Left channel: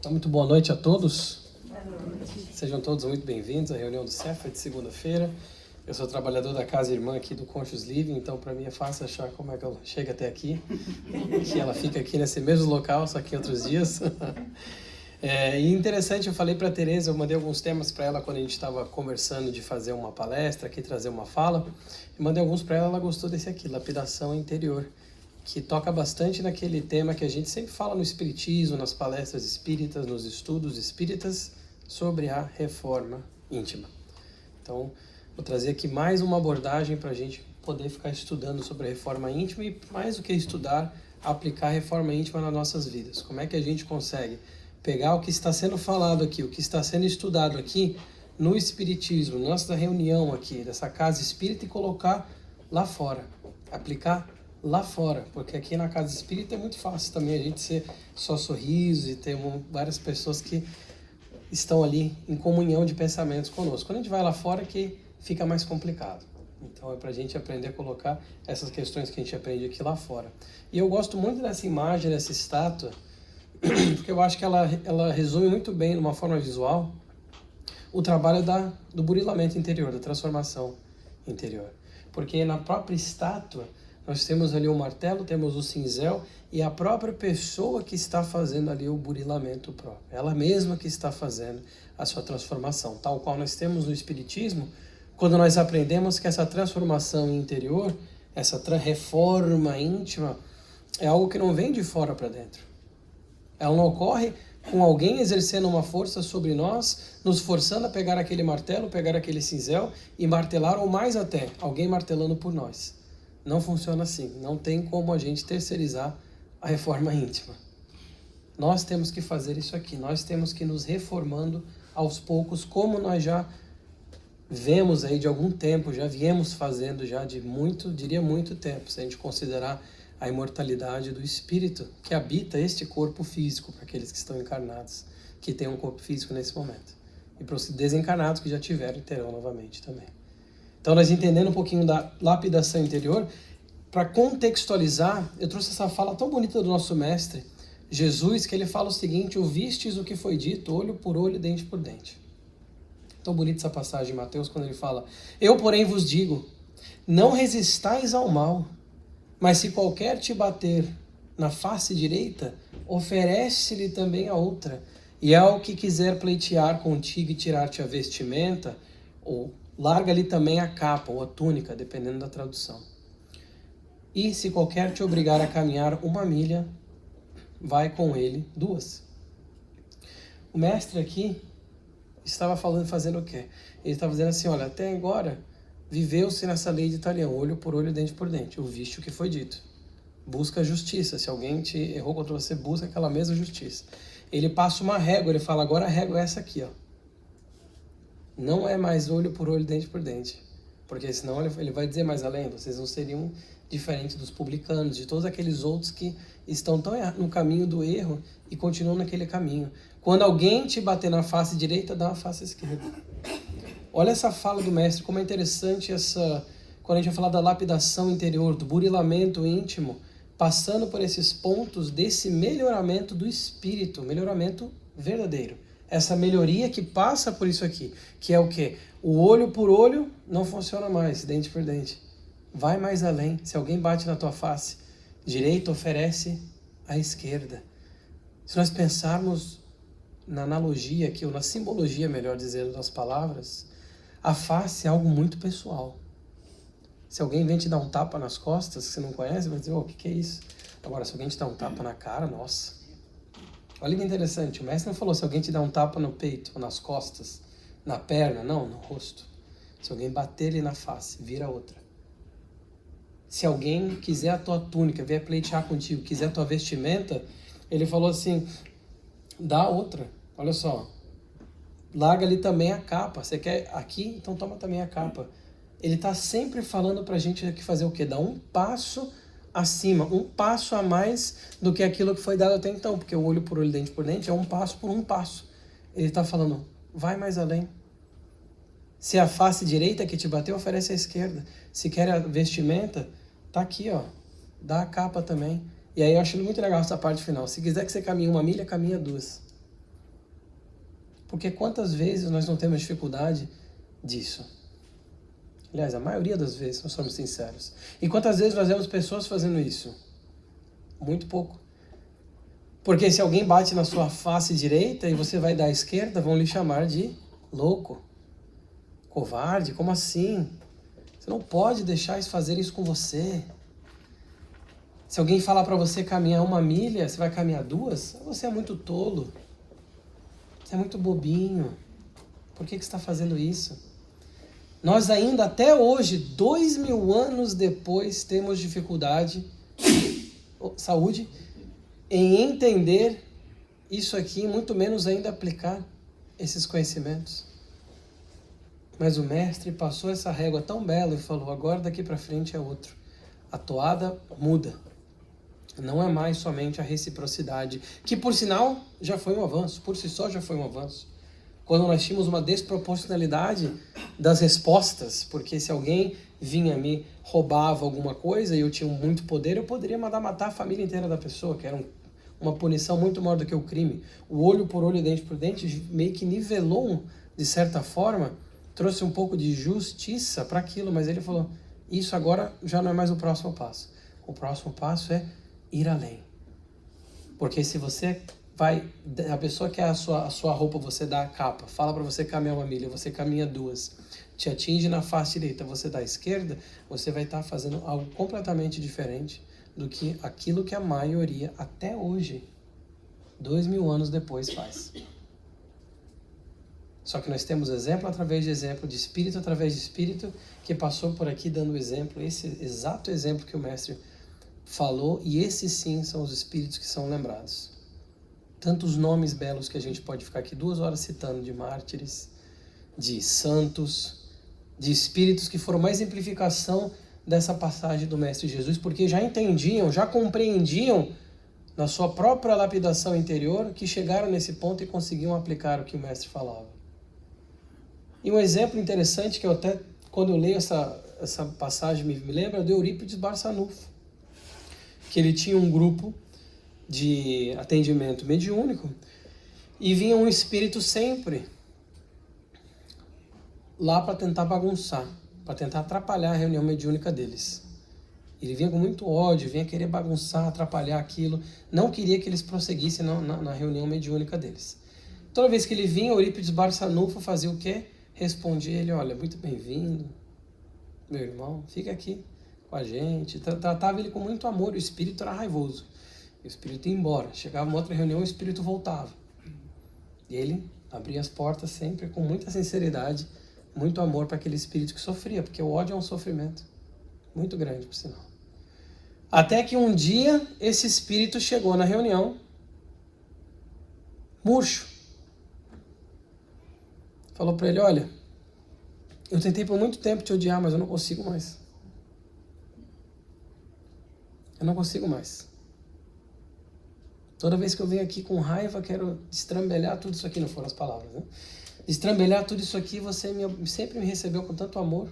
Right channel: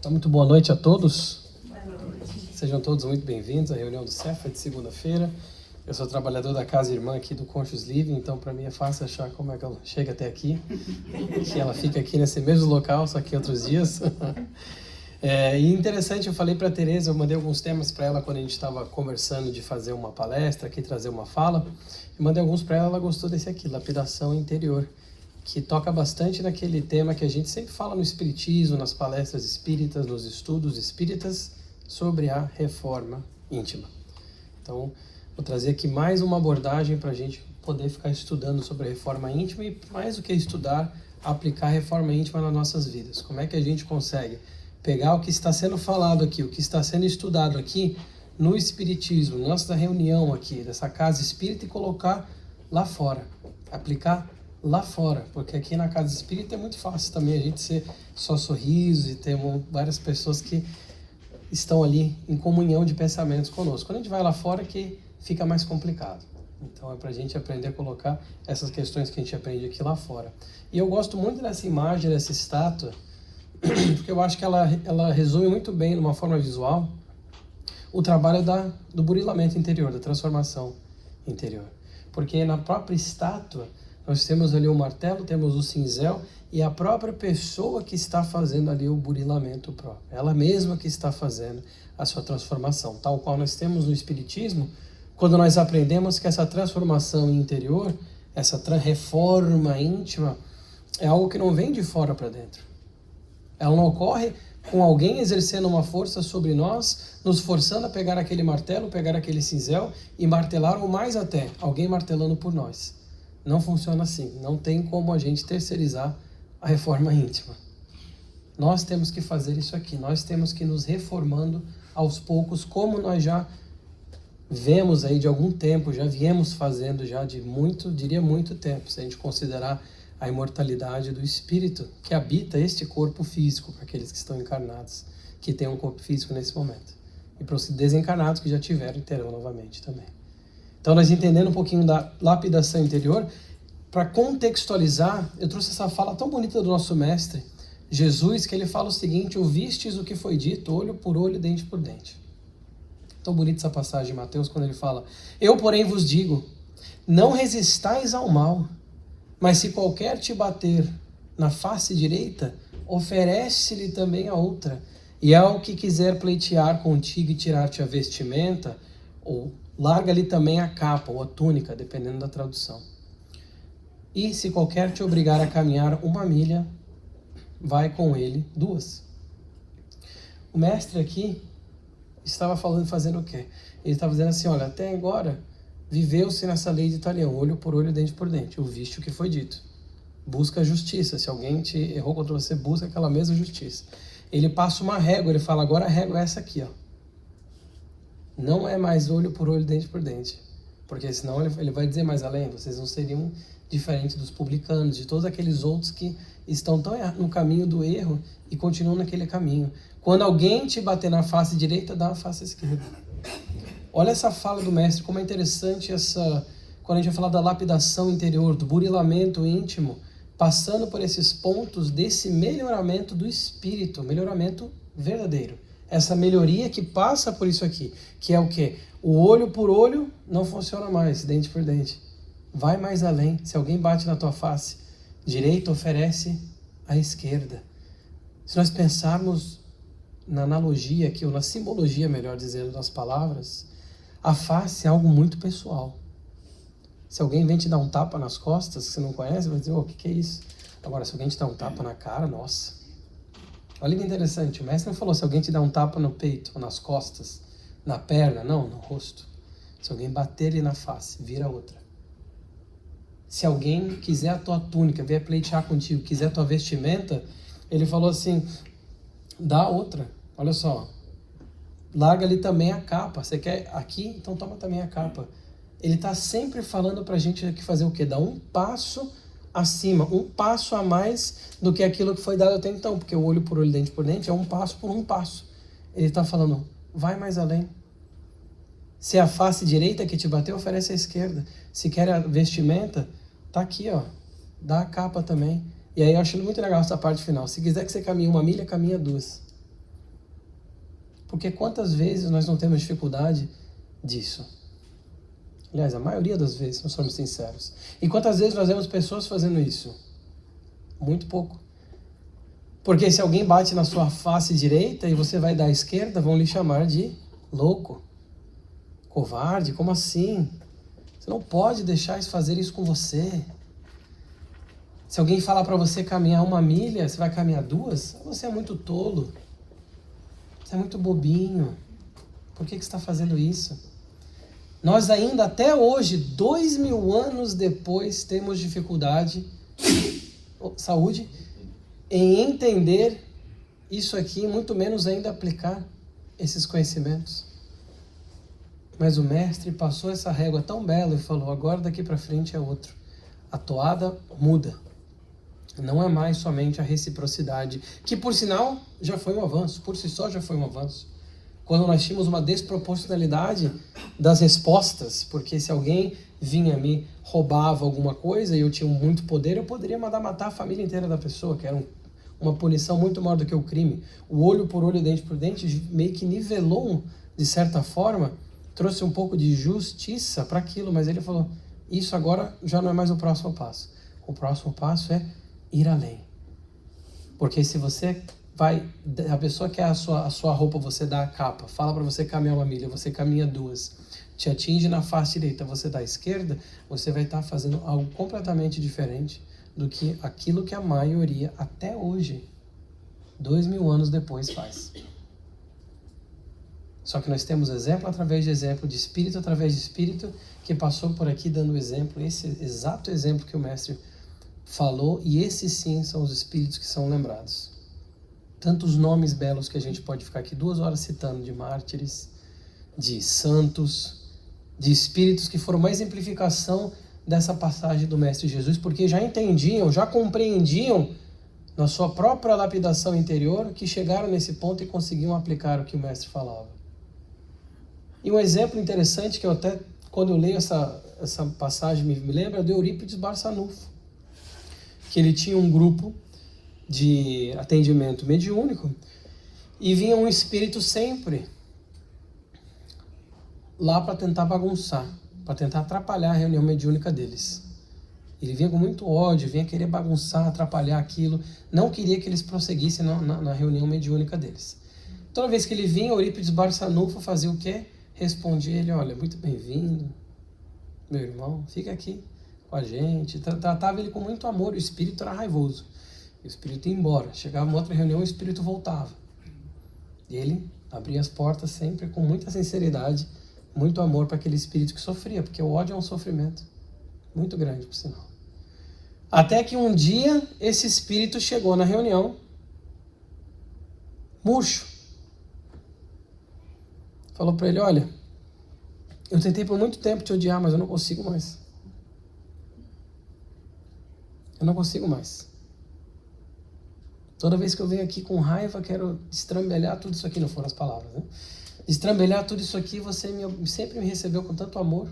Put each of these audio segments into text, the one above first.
Então, muito boa noite a todos. Sejam todos muito bem-vindos à reunião do CEFA de segunda-feira. Eu sou trabalhador da casa irmã aqui do Conscious Living, então para mim é fácil achar como é que ela chega até aqui. Que ela fica aqui nesse mesmo local, só que em outros dias. E interessante, eu falei para a Tereza, eu mandei alguns temas para ela quando a gente estava conversando de fazer uma palestra aqui, trazer uma fala. Eu mandei alguns para ela, ela gostou desse aqui, lapidação interior, que toca bastante naquele tema que a gente sempre fala no espiritismo, nas palestras espíritas, nos estudos espíritas, sobre a reforma íntima. Então, vou trazer aqui mais uma abordagem para a gente poder ficar estudando sobre a reforma íntima e, mais do que estudar, aplicar a reforma íntima nas nossas vidas. Como é que a gente consegue pegar o que está sendo falado aqui, o que está sendo estudado aqui no espiritismo, nossa reunião aqui, dessa casa espírita, e colocar lá fora, aplicar lá fora, porque aqui na casa espírita é muito fácil também a gente ser só sorriso e ter várias pessoas que estão ali em comunhão de pensamentos conosco. Quando a gente vai lá fora é que fica mais complicado. Então é para a gente aprender a colocar essas questões que a gente aprende aqui lá fora. E eu gosto muito dessa imagem, dessa estátua, porque eu acho que ela resume muito bem, de uma forma visual, o trabalho do burilamento interior, da transformação interior. Porque na própria estátua, nós temos ali o martelo, temos o cinzel e a própria pessoa que está fazendo ali o burilamento próprio. Ela mesma que está fazendo a sua transformação. Tal qual nós temos no Espiritismo, quando nós aprendemos que essa transformação interior, essa reforma íntima, é algo que não vem de fora para dentro. Ela não ocorre com alguém exercendo uma força sobre nós, nos forçando a pegar aquele martelo, pegar aquele cinzel e martelar, ou mais até, alguém martelando por nós. Não funciona assim. Não tem como a gente terceirizar a reforma íntima. Nós temos que fazer isso aqui. Nós temos que nos reformando aos poucos, como nós já vemos aí de algum tempo, já viemos fazendo já de muito tempo, se a gente considerar a imortalidade do espírito que habita este corpo físico, para aqueles que estão encarnados, que têm um corpo físico nesse momento. E para os desencarnados que já tiveram, terão novamente também. Então, nós entendendo um pouquinho da lapidação interior, para contextualizar, eu trouxe essa fala tão bonita do nosso mestre, Jesus, que ele fala o seguinte: ouvistes o que foi dito, olho por olho, dente por dente. Tão bonita essa passagem em Mateus, quando ele fala: eu, porém, vos digo, não resistais ao mal, mas se qualquer te bater na face direita, oferece-lhe também a outra. E ao que quiser pleitear contigo e tirar-te a vestimenta, ou larga-lhe também a capa ou a túnica, dependendo da tradução. E se qualquer te obrigar a caminhar 1 milha, vai com ele 2. O mestre aqui estava fazendo o quê? Ele estava dizendo assim: olha, até agora viveu-se nessa lei de Italião, olho por olho, dente por dente. Ouviste o que foi dito. Busca a justiça. Se alguém te errou contra você, busca aquela mesma justiça. Ele passa uma régua, ele fala: agora a régua é essa aqui, ó. Não é mais olho por olho, dente por dente. Porque senão ele vai dizer mais além, vocês não seriam diferentes dos publicanos, de todos aqueles outros que estão tão no caminho do erro e continuam naquele caminho. Quando alguém te bater na face direita, dá na face esquerda. Olha essa fala do mestre, como é interessante quando a gente vai falar da lapidação interior, do burilamento íntimo, passando por esses pontos desse melhoramento do espírito, melhoramento verdadeiro. Essa melhoria que passa por isso aqui, que é o quê? O olho por olho não funciona mais, dente por dente. Vai mais além. Se alguém bate na tua face direita, oferece a esquerda. Se nós pensarmos na analogia aqui, ou na simbologia, melhor dizendo, das palavras, a face é algo muito pessoal. Se alguém vem te dar um tapa nas costas, que você não conhece, vai dizer: o que é isso? Agora, se alguém te dá um tapa na cara, nossa. Olha que interessante, o mestre não falou se alguém te dá um tapa no peito, nas costas, na perna, não, no rosto. Se alguém bater ele na face, vira outra. Se alguém quiser a tua túnica, vier pleitear contigo, quiser a tua vestimenta, ele falou assim: dá outra. Olha só, larga ali também a capa. Você quer aqui? Então toma também a capa. Ele está sempre falando para a gente que fazer o quê? Dar um passo acima, um passo a mais do que aquilo que foi dado até então, porque o olho por olho, dente por dente é um passo por um passo. Ele está falando: vai mais além. Se é a face direita que te bateu, oferece a esquerda. Se quer a vestimenta, tá aqui, ó, dá a capa também. E aí eu acho muito legal essa parte final. Se quiser que você caminhe 1 milha, caminha 2. Porque quantas vezes nós não temos dificuldade disso? Aliás, a maioria das vezes, nós somos sinceros. E quantas vezes nós vemos pessoas fazendo isso? Muito pouco. Porque se alguém bate na sua face direita e você vai dar à esquerda, vão lhe chamar de louco, covarde. Como assim? Você não pode deixar isso fazer isso com você. Se alguém falar para você caminhar 1 milha, você vai caminhar 2? Você é muito tolo. Você é muito bobinho. Por que você está fazendo isso? Nós ainda, até hoje, 2000 anos depois, temos dificuldade, saúde, em entender isso aqui, muito menos ainda aplicar esses conhecimentos. Mas o mestre passou essa régua tão bela e falou, agora daqui para frente é outro. A toada muda. Não é mais somente a reciprocidade, que por sinal já foi um avanço, por si só já foi um avanço. Quando nós tínhamos uma desproporcionalidade das respostas, porque se alguém vinha me roubava alguma coisa e eu tinha muito poder, eu poderia mandar matar a família inteira da pessoa, que era uma punição muito maior do que o crime. O olho por olho, dente por dente, meio que nivelou, de certa forma, trouxe um pouco de justiça para aquilo, mas ele falou, isso agora já não é mais o próximo passo. O próximo passo é ir além. Porque se você vai, a pessoa quer a sua roupa, você dá a capa, fala para você caminhar 1 milha, você caminha 2, te atinge na face direita, você dá a esquerda, você vai estar fazendo algo completamente diferente do que aquilo que a maioria até hoje, 2000 anos depois, faz. Só que nós temos exemplo através de exemplo, de espírito através de espírito, que passou por aqui dando exemplo, esse exato exemplo que o mestre falou, e esses sim são os espíritos que são lembrados. Tantos nomes belos que a gente pode ficar aqui 2 horas citando, de mártires, de santos, de espíritos que foram uma exemplificação dessa passagem do Mestre Jesus, porque já entendiam, já compreendiam na sua própria lapidação interior que chegaram nesse ponto e conseguiam aplicar o que o Mestre falava. E um exemplo interessante que eu até, quando eu leio essa passagem, me lembra de Eurípides Barçanufo, que ele tinha um grupo de atendimento mediúnico e vinha um espírito sempre lá para tentar bagunçar, para tentar atrapalhar a reunião mediúnica deles. Ele vinha com muito ódio, vinha querer bagunçar, atrapalhar aquilo, não queria que eles prosseguissem na reunião mediúnica deles. Toda vez que ele vinha, Eurípides Barçanufo fazia o quê? Respondia ele, olha, muito bem-vindo, meu irmão, fica aqui com a gente. Tratava ele com muito amor, o espírito era raivoso. O espírito ia embora, chegava uma outra reunião, o espírito voltava. E ele abria as portas sempre com muita sinceridade, muito amor para aquele espírito que sofria, porque o ódio é um sofrimento muito grande, por sinal. Até que um dia esse espírito chegou na reunião, murcho. Falou para ele, olha, eu tentei por muito tempo te odiar, mas eu não consigo mais. Eu não consigo mais. Toda vez que eu venho aqui com raiva, quero destrambelhar tudo isso aqui, não foram as palavras, né? Destrambelhar tudo isso aqui, você sempre me recebeu com tanto amor.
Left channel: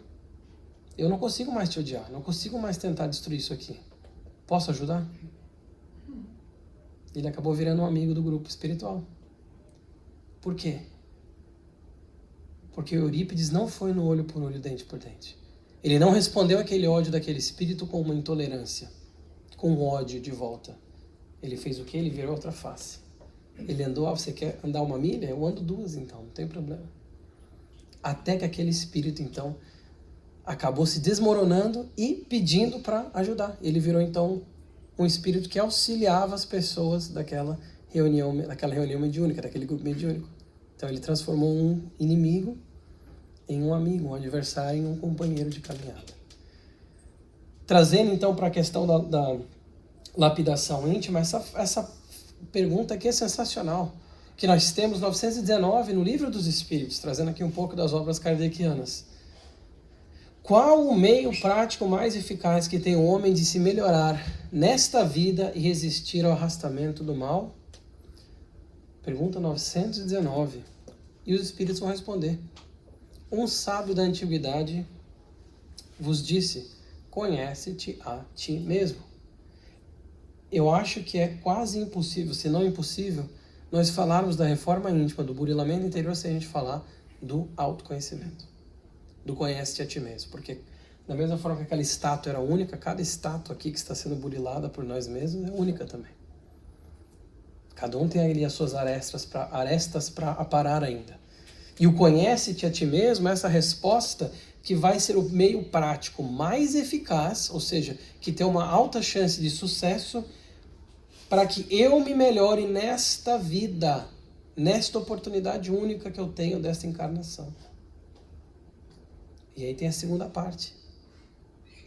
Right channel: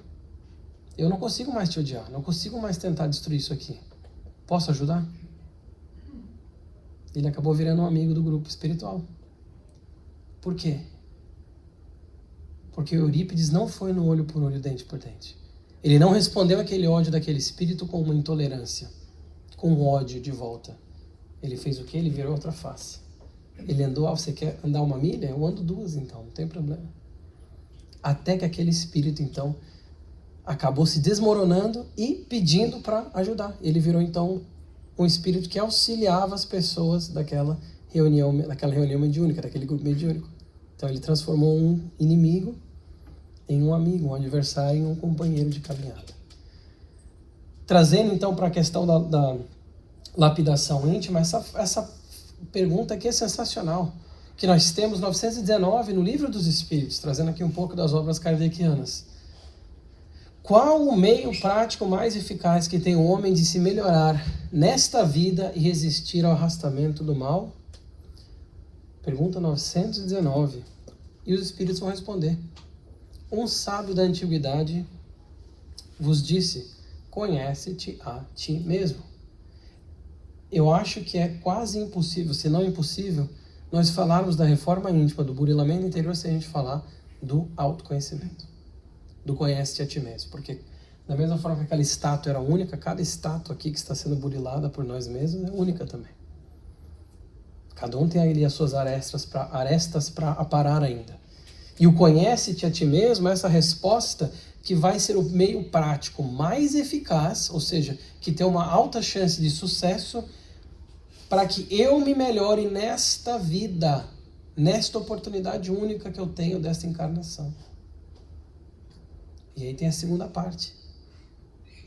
Eu não consigo mais te odiar, não consigo mais tentar destruir isso aqui. Posso ajudar? Ele acabou virando um amigo do grupo espiritual. Por quê? Porque Eurípides não foi no olho por olho, dente por dente. Ele não respondeu aquele ódio daquele espírito com uma intolerância, com um ódio de volta. Ele fez o quê? Ele virou outra face. Ele andou, você quer andar 1 milha? Eu ando 2 então, não tem problema. Até que aquele espírito então acabou se desmoronando e pedindo para ajudar. Ele virou então um espírito que auxiliava as pessoas daquela reunião mediúnica, daquele grupo mediúnico. Então ele transformou um inimigo em um amigo, um adversário, em um companheiro de caminhada. Trazendo então para a questão da lapidação íntima, essa pergunta aqui é sensacional, que nós temos 919 no Livro dos Espíritos, trazendo aqui um pouco das obras kardecianas. Qual o meio prático mais eficaz que tem o homem de se melhorar nesta vida e resistir ao arrastamento do mal? Pergunta 919. E os Espíritos vão responder. Um sábio da antiguidade vos disse, conhece-te a ti mesmo. Eu acho que é quase impossível, se não impossível, nós falarmos da reforma íntima, do burilamento interior, se a gente falar do autoconhecimento, do conhece-te a ti mesmo. Porque da mesma forma que aquela estátua era única, cada estátua aqui que está sendo burilada por nós mesmos é única também. Cada um tem ali as suas arestas para aparar ainda. E o conhece-te a ti mesmo é essa resposta que vai ser o meio prático mais eficaz, ou seja, que tem uma alta chance de sucesso para que eu me melhore nesta vida, nesta oportunidade única que eu tenho desta encarnação. E aí tem a segunda parte.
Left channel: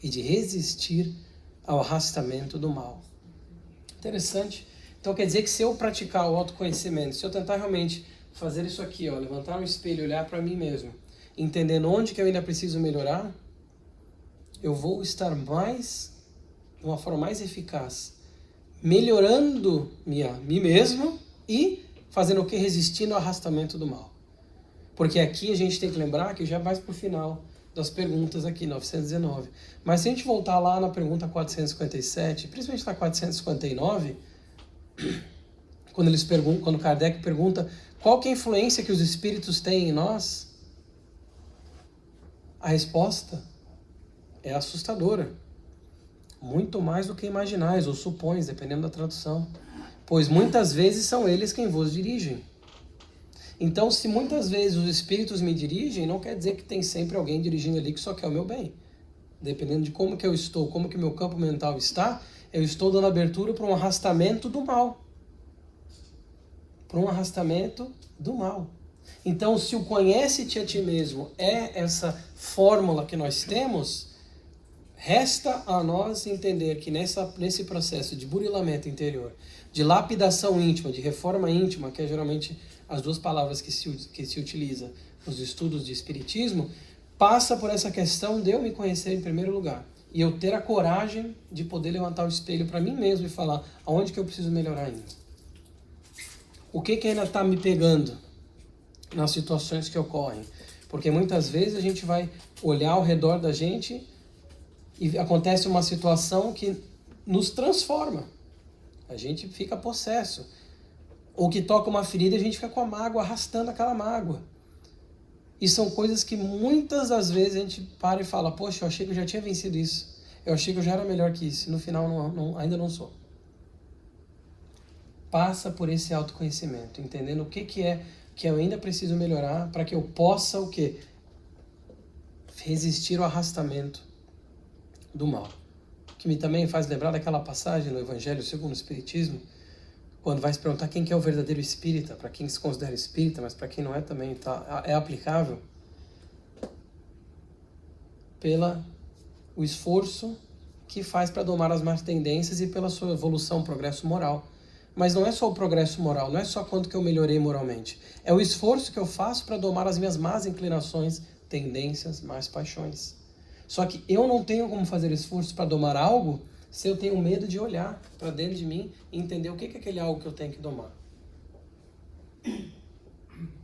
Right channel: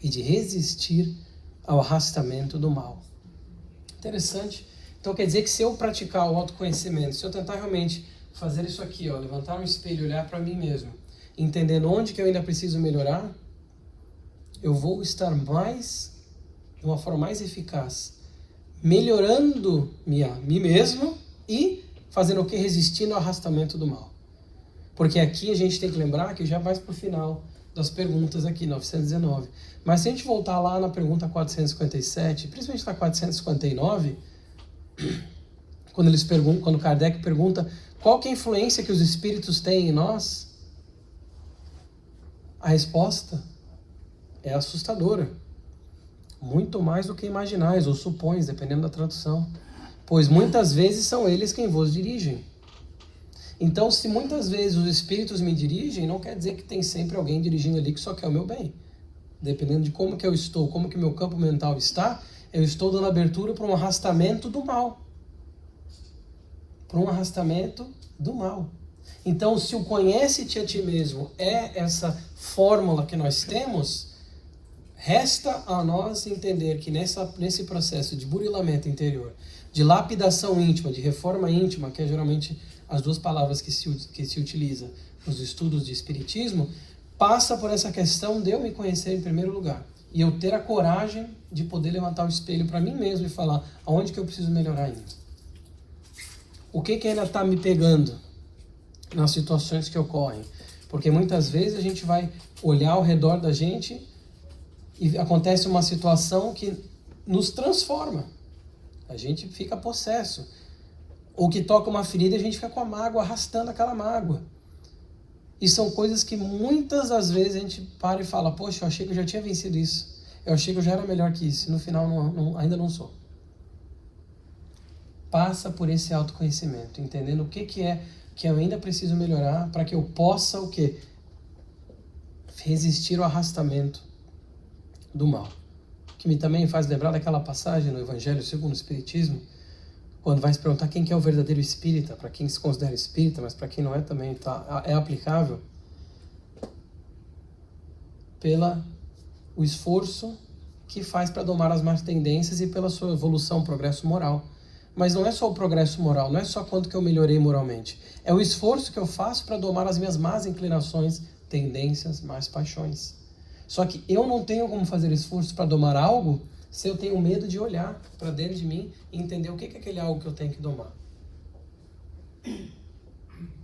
E de resistir ao arrastamento do mal. Interessante. Então quer dizer que se eu praticar o autoconhecimento, se eu tentar realmente fazer isso aqui, ó, levantar um espelho e olhar para mim mesmo, entendendo onde que eu ainda preciso melhorar, eu vou estar mais, de uma forma mais eficaz, melhorando mim mesmo e fazendo o que? Resistindo ao arrastamento do mal. Porque aqui a gente tem que lembrar que já vai para o final das perguntas aqui, 919. Mas se a gente voltar lá na pergunta 457, principalmente na 459, quando Kardec pergunta qual que é a influência que os espíritos têm em nós, a resposta é assustadora. Muito mais do que imaginais ou supões, dependendo da tradução. Pois muitas vezes são eles quem vos dirigem. Então, se muitas vezes os espíritos me dirigem, não quer dizer que tem sempre alguém dirigindo ali que só quer o meu bem. Dependendo de como que eu estou, como que meu campo mental está, eu estou dando abertura para um arrastamento do mal. Para um arrastamento do mal. Então, se o conhece-te a ti mesmo é essa fórmula que nós temos, resta a nós entender que nesse processo de burilamento interior, de lapidação íntima, de reforma íntima, que é geralmente as duas palavras que se utiliza nos estudos de espiritismo, passa por essa questão de eu me conhecer em primeiro lugar. E eu ter a coragem de poder levantar o espelho para mim mesmo e falar aonde que eu preciso melhorar ainda. O que ainda está me pegando nas situações que ocorrem? Porque muitas vezes a gente vai olhar ao redor da gente e acontece uma situação que nos transforma. A gente fica possesso. Ou que toca uma ferida e a gente fica com a mágoa, arrastando aquela mágoa. E são coisas que muitas das vezes a gente para e fala, poxa, eu achei que eu já tinha vencido isso. Eu achei que eu já era melhor que isso. E no final ainda não sou. Passa por esse autoconhecimento, entendendo o que é que eu ainda preciso melhorar para que eu possa o quê? Resistir ao arrastamento do mal. Que me também faz lembrar daquela passagem no Evangelho segundo o Espiritismo, quando vai se perguntar quem que é o verdadeiro espírita, para quem se considera espírita, mas para quem não é também é aplicável, o esforço que faz para domar as más tendências e pela sua evolução, progresso moral. Mas não é só o progresso moral, não é só quanto que eu melhorei moralmente. É o esforço que eu faço para domar as minhas más inclinações, tendências, más paixões. Só que eu não tenho como fazer esforço para domar algo se eu tenho medo de olhar para dentro de mim e entender o que é aquele algo que eu tenho que domar.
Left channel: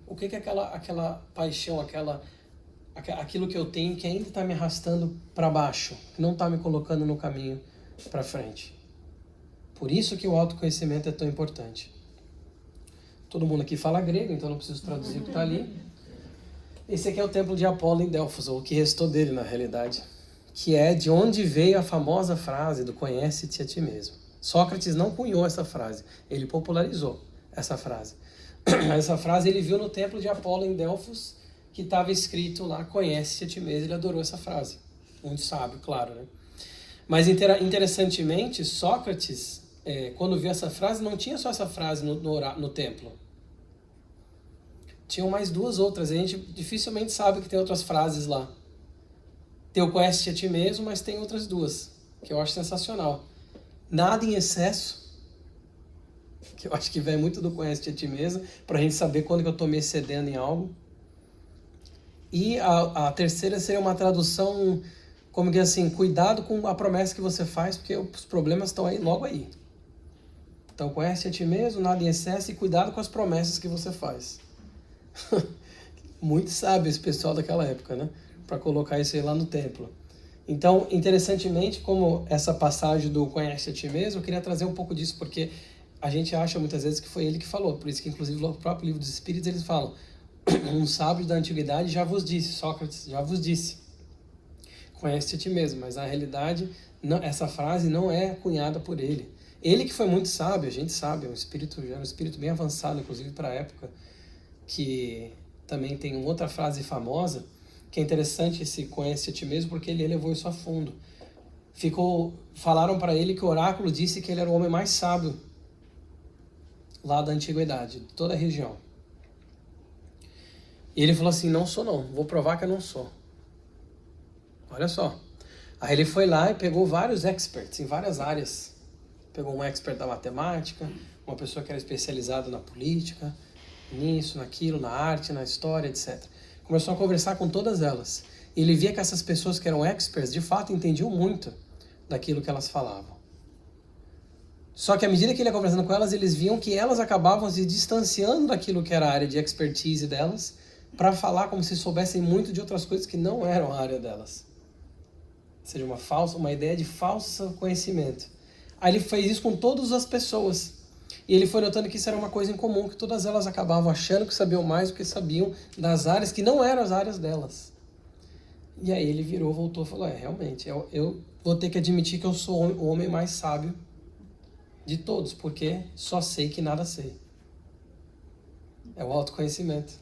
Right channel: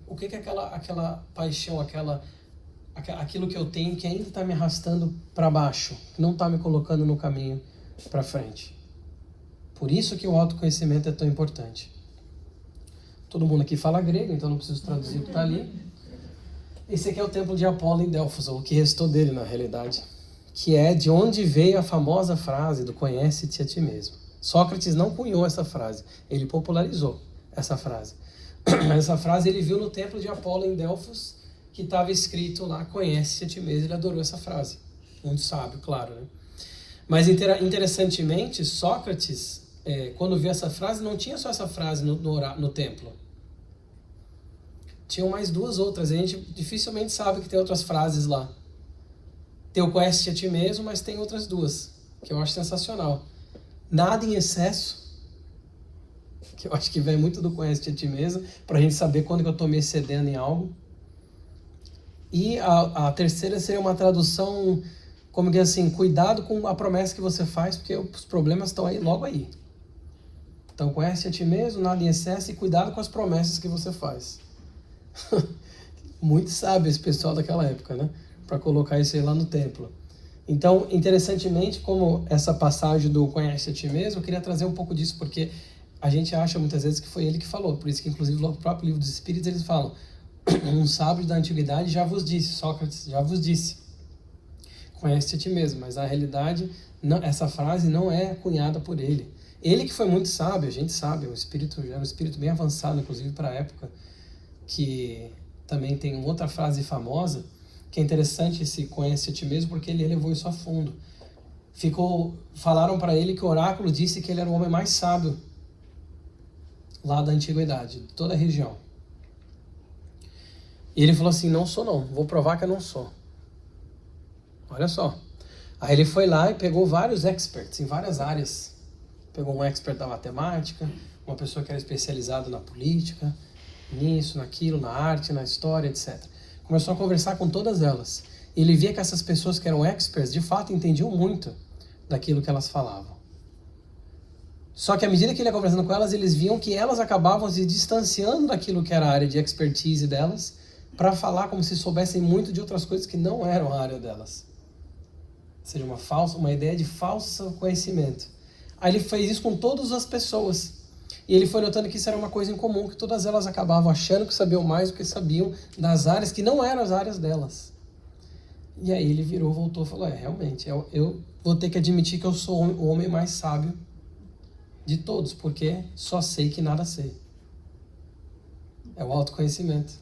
O que é aquela paixão, aquilo que eu tenho que ainda está me arrastando para baixo, que não está me colocando no caminho para frente. Por isso que o autoconhecimento é tão importante. Todo mundo aqui fala grego, então não preciso traduzir o que está ali. Esse aqui é o templo de Apolo em Delfos, ou o que restou dele na realidade, que é de onde veio a famosa frase do conhece-te a ti mesmo. Sócrates não cunhou essa frase, ele popularizou essa frase. Essa frase ele viu no templo de Apolo em Delfos, que estava escrito lá, conhece-te a ti mesmo, ele adorou essa frase. Muito sábio, claro, né? Mas interessantemente, Sócrates, quando viu essa frase, não tinha só essa frase no templo. Tinham mais duas outras, a gente dificilmente sabe que tem outras frases lá. Tem o conhece-te a ti mesmo, mas tem outras duas, que eu acho sensacional. Nada em excesso, que eu acho que vem muito do conhece-te a ti mesmo, para a gente saber quando que eu estou me excedendo em algo. E a terceira seria uma tradução, como que assim, cuidado com a promessa que você faz, porque os problemas estão aí, logo aí. Então, conhece a ti mesmo, nada em excesso, e cuidado com as promessas que você faz. Muito sábio esse pessoal daquela época, né? Para colocar isso aí lá no templo. Então, interessantemente, como essa passagem do conhece a ti mesmo, eu queria trazer um pouco disso, porque a gente acha muitas vezes que foi ele que falou. Por isso que, inclusive, no próprio livro dos Espíritos, eles falam: um sábio da antiguidade já vos disse, Sócrates já vos disse, conhece a ti mesmo. Mas na realidade, não, essa frase não é cunhada por ele. Ele que foi muito sábio, a gente sabe, era um espírito bem avançado, inclusive para a época, que também tem outra frase famosa, que é interessante esse conhece a ti mesmo, porque ele levou isso a fundo. Falaram para ele que o oráculo disse que ele era o homem mais sábio lá da antiguidade, de toda a região. E ele falou assim: não sou não, vou provar que eu não sou. Olha só. Aí ele foi lá e pegou vários experts em várias áreas. Pegou um expert da matemática, uma pessoa que era especializada na política, nisso, naquilo, na arte, na história, etc. Começou a conversar com todas elas. E ele via que essas pessoas que eram experts, de fato, entendiam muito daquilo que elas falavam. Só que à medida que ele ia conversando com elas, eles viam que elas acabavam se distanciando daquilo que era a área de expertise delas, para falar como se soubessem muito de outras coisas que não eram a área delas. Ou seja, uma ideia de falso conhecimento. Aí ele fez isso com todas as pessoas. E ele foi notando que isso era uma coisa em comum, que todas elas acabavam achando que sabiam mais do que sabiam das áreas que não eram as áreas delas. E aí ele virou, voltou e falou: realmente, eu vou ter que admitir que eu sou o homem mais sábio de todos, porque só sei que nada sei. É o autoconhecimento.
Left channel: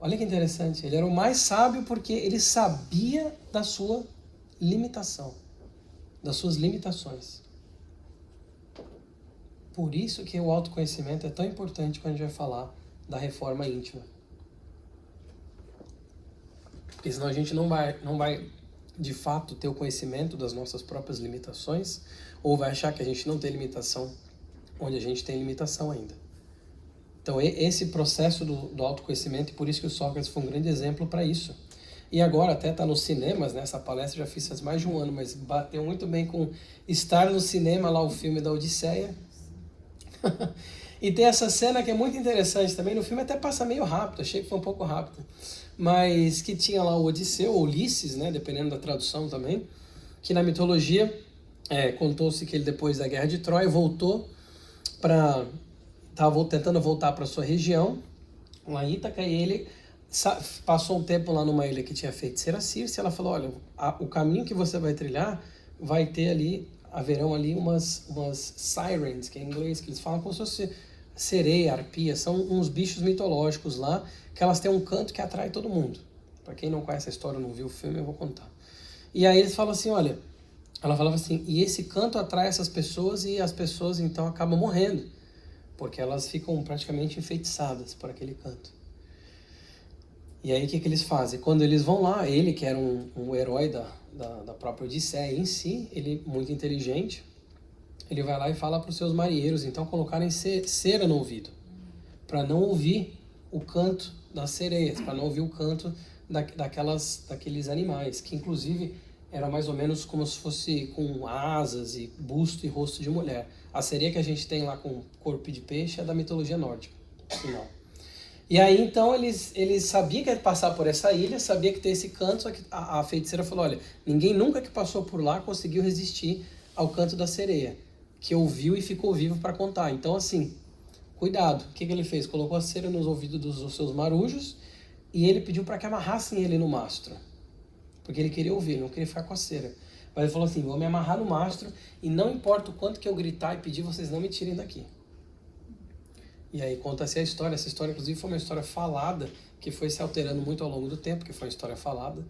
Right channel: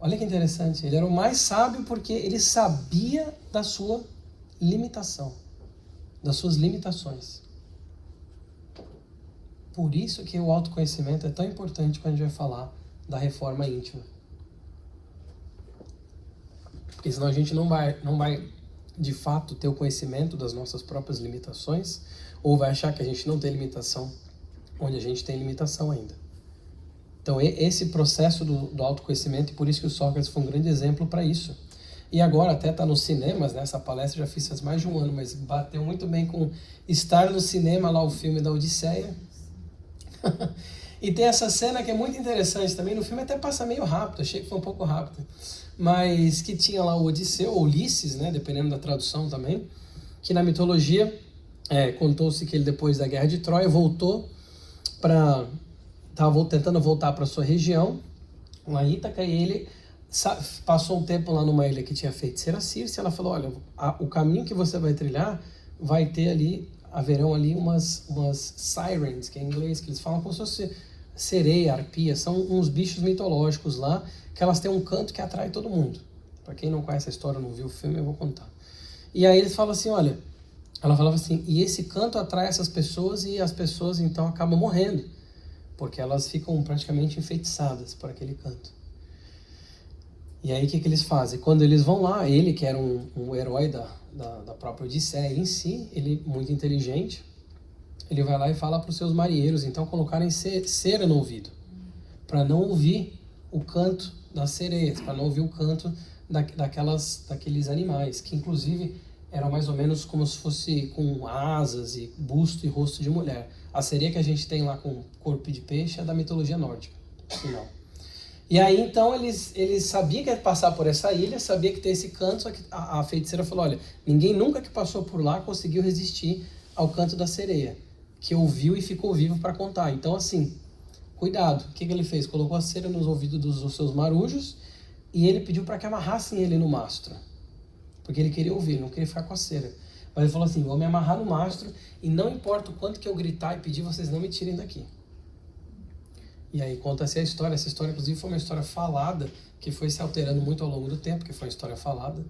Olha que interessante, ele era o mais sábio porque ele sabia da sua limitação, das suas limitações. Por isso que o autoconhecimento é tão importante quando a gente vai falar da reforma íntima. Porque senão a gente não vai de fato ter o conhecimento das nossas próprias limitações, ou vai achar que a gente não tem limitação, onde a gente tem limitação ainda. Então esse processo do autoconhecimento, e por isso que o Sócrates foi um grande exemplo para isso. E agora até está nos cinemas, né? Essa palestra eu já fiz faz mais de um ano, mas bateu muito bem com estar no cinema lá, o filme da Odisseia. E tem essa cena que é muito interessante também, no filme até passa meio rápido, achei que foi um pouco rápido, mas que tinha lá o Odisseu, ou Ulisses, né? Dependendo da tradução também, que na mitologia contou-se que ele, depois da Guerra de Troia, estava tentando voltar para sua região, lá em Ítaca, e ele passou um tempo lá numa ilha que tinha feiticeira Circe. Ela falou: olha, o caminho que você vai trilhar vai ter ali, haverão ali umas sirens, que é em inglês, que eles falam como se fosse sereia, arpia, são uns bichos mitológicos lá, que elas têm um canto que atrai todo mundo. Para quem não conhece a história, não viu o filme, eu vou contar. E aí eles falam assim: olha, ela falava assim, e esse canto atrai essas pessoas, e as pessoas então acabam morrendo, porque elas ficam praticamente enfeitiçadas por aquele canto. E aí o que eles fazem? Quando eles vão lá, ele que era um herói da própria Odisseia em si, ele muito inteligente, ele vai lá e fala para os seus marinheiros então colocarem cera no ouvido, para não ouvir o canto das sereias, para não ouvir o canto daqueles animais, que inclusive eram mais ou menos como se fosse com asas e busto e rosto de mulher. A sereia que a gente tem lá com corpo de peixe é da mitologia nórdica. Não. E aí então eles sabiam que ia passar por essa ilha, sabia que tem esse canto, só que a feiticeira falou: olha, ninguém nunca que passou por lá conseguiu resistir ao canto da sereia, que ouviu e ficou vivo para contar. Então assim, cuidado. O que ele fez? Colocou a cera nos ouvidos dos seus marujos e ele pediu para que amarrassem ele no mastro, porque ele queria ouvir, ele não queria ficar com a cera. Mas ele falou assim: vou me amarrar no mastro e não importa o quanto que eu gritar e pedir, vocês não me tirem daqui. E aí conta-se a história. Essa história, inclusive, foi uma história falada, que foi se alterando muito ao longo do tempo, que foi uma história falada.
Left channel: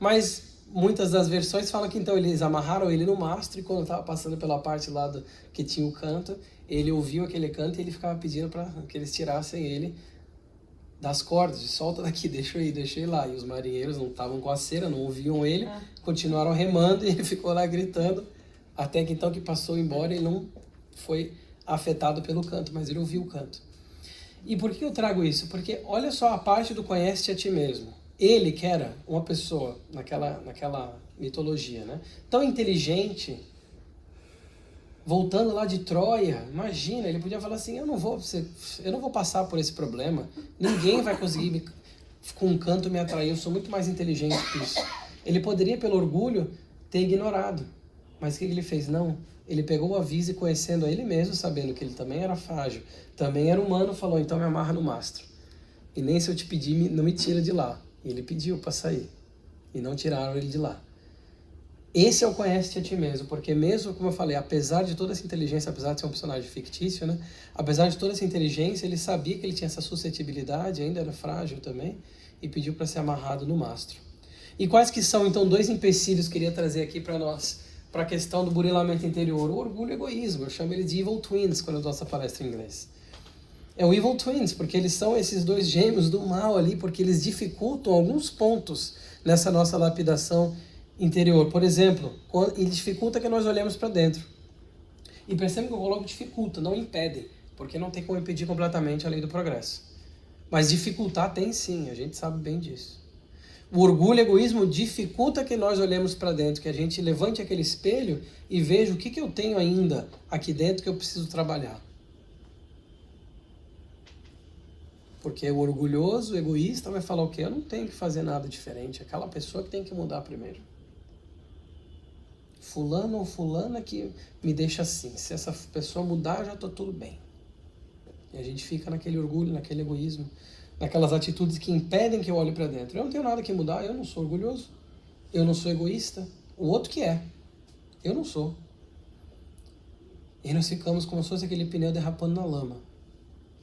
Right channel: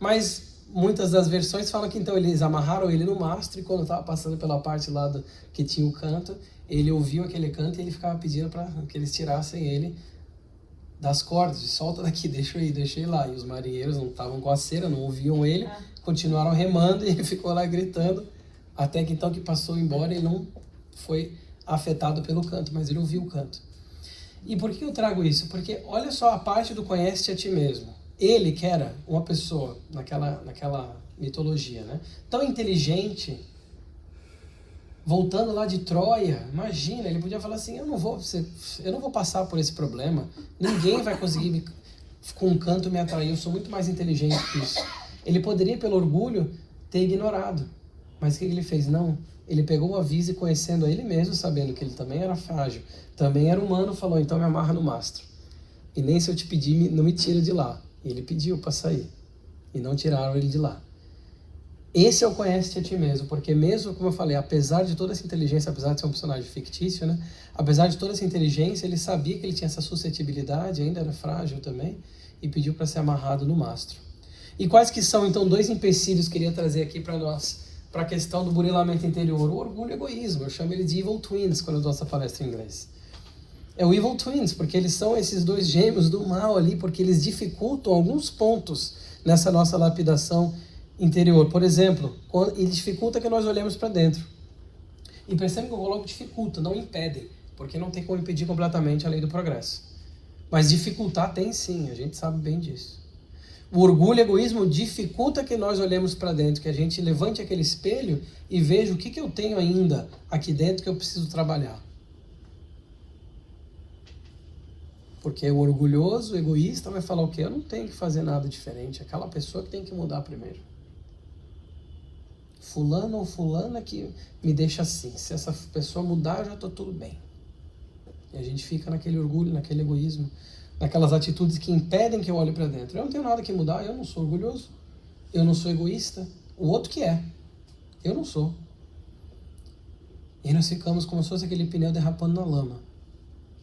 Mas muitas das versões falam que então eles amarraram ele no mastro, e quando estava passando pela parte lá que tinha o canto, ele ouviu aquele canto e ele ficava pedindo para que eles tirassem ele das cordas, de solta daqui, deixa eu ir lá. E os marinheiros não estavam com a cera, não ouviam ele, continuaram remando e ele ficou lá gritando, até que então que passou embora e não foi afetado pelo canto, mas ele ouviu o canto. E por que eu trago isso? Porque olha só a parte do conhece-te a ti mesmo. Ele que era uma pessoa, naquela mitologia, né? Tão inteligente, voltando lá de Troia, imagina, ele podia falar assim: eu não vou passar por esse problema, ninguém vai conseguir com um canto me atrair, eu sou muito mais inteligente que isso. Ele poderia, pelo orgulho, ter ignorado. Mas o que ele fez? Não. Ele pegou o aviso e conhecendo a ele mesmo, sabendo que ele também era frágil, também era humano, falou, então me amarra no mastro. E nem se eu te pedir, não me tira de lá. E ele pediu para sair. E não tiraram ele de lá. Esse é o conhece-te a ti mesmo, porque mesmo, como eu falei, apesar de toda essa inteligência, apesar de ser um personagem fictício, né? Apesar de toda essa inteligência, ele sabia que ele tinha essa suscetibilidade, ainda era frágil também, e pediu para ser amarrado no mastro. E quais que são, então, dois empecilhos que eu queria trazer aqui para nós, para a questão do burilamento interior? O orgulho e o egoísmo. Eu chamo ele de evil twins quando eu dou essa palestra em inglês. É o evil twins, porque eles são esses dois gêmeos do mal ali, porque eles dificultam alguns pontos nessa nossa lapidação interior. Por exemplo, ele dificulta que nós olhemos para dentro. E percebam que eu coloco dificulta, não impede, porque não tem como impedir completamente a lei do progresso. Mas dificultar tem sim, a gente sabe bem disso. O orgulho e o egoísmo dificulta que nós olhemos para dentro, que a gente levante aquele espelho e veja o que eu tenho ainda aqui dentro que eu preciso trabalhar. Porque o orgulhoso, o egoísta vai falar o quê? Eu não tenho que fazer nada diferente, aquela pessoa que tem que mudar primeiro. Fulano ou fulana que me deixa assim, se essa pessoa mudar, eu já estou tudo bem. E a gente fica naquele orgulho, naquele egoísmo, naquelas atitudes que impedem que eu olhe para dentro. Eu não tenho nada que mudar, eu não sou orgulhoso, eu não sou egoísta, o outro que é, eu não sou. E nós ficamos como se fosse aquele pneu derrapando na lama,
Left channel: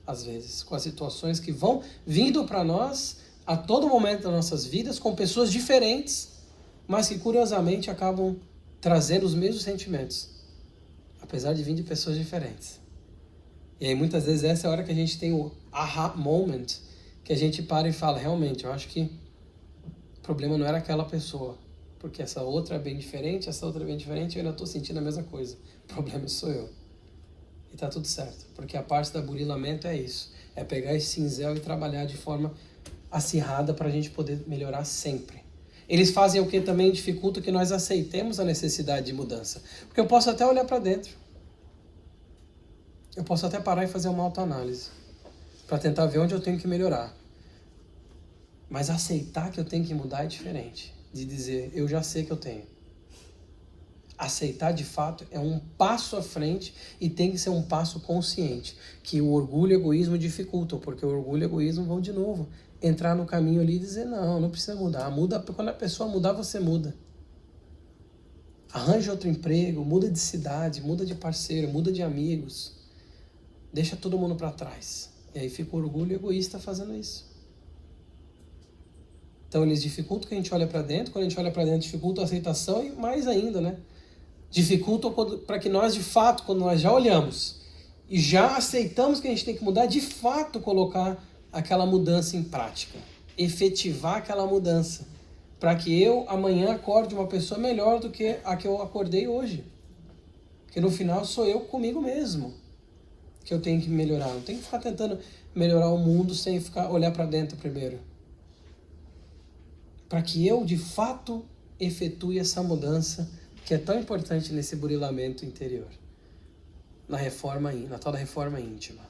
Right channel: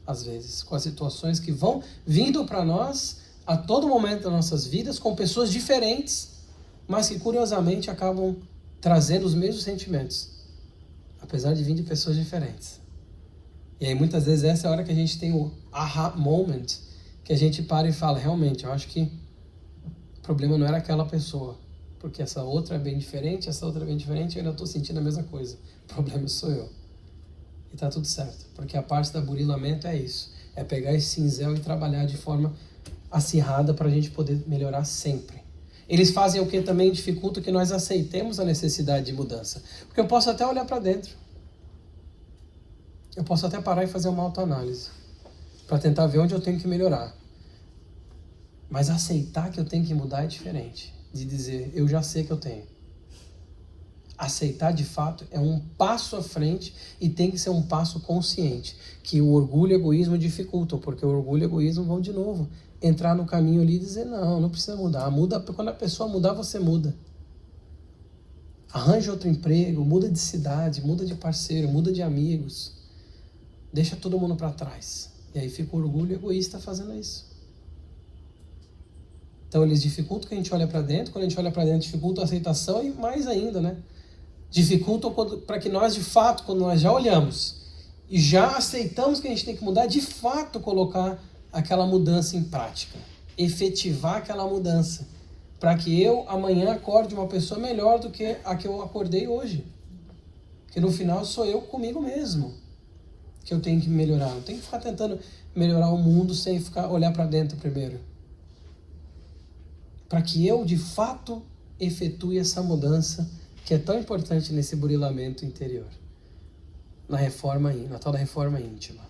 às vezes, com as situações que vão vindo para nós a todo momento das nossas vidas, com pessoas diferentes, mas que curiosamente acabam trazendo os mesmos sentimentos, apesar de vir de pessoas diferentes. E aí muitas vezes essa é a hora que a gente tem o aha moment, que a gente para e fala, realmente, eu acho que o problema não era aquela pessoa, porque essa outra é bem diferente, essa outra é bem diferente, e eu ainda estou sentindo a mesma coisa. O problema sou eu. E tá tudo certo, porque a parte do burilamento é isso, é pegar esse cinzel e trabalhar de forma acirrada para a gente poder melhorar sempre. Eles fazem o que também dificulta que nós aceitemos a necessidade de mudança. Porque eu posso até olhar para dentro. Eu posso até parar e fazer uma autoanálise, para tentar ver onde eu tenho que melhorar. Mas aceitar que eu tenho que mudar é diferente de dizer, eu já sei que eu tenho. Aceitar de fato é um passo à frente e tem que ser um passo consciente, que o orgulho e o egoísmo dificultam, porque o orgulho e o egoísmo vão de novo entrar no caminho ali e dizer, não precisa mudar. Muda, quando a pessoa mudar, você muda. Arranja outro emprego, muda de cidade, muda de parceiro, muda de amigos. Deixa todo mundo para trás. E aí fica o orgulho egoísta fazendo isso. Então eles dificultam que a gente olhe para dentro, quando a gente olha para dentro dificulta a aceitação e mais ainda, né? Dificultam para que nós de fato, quando nós já olhamos e já aceitamos que a gente tem que mudar, de fato colocar aquela mudança em prática, efetivar aquela mudança, para que eu amanhã acorde uma pessoa melhor do que a que eu acordei hoje. Porque no final sou eu comigo mesmo que eu tenho que melhorar. Não tenho que ficar tentando melhorar o mundo sem olhar para dentro primeiro. Para que eu de fato efetue essa mudança que é tão importante nesse burilamento interior, na tal da reforma íntima.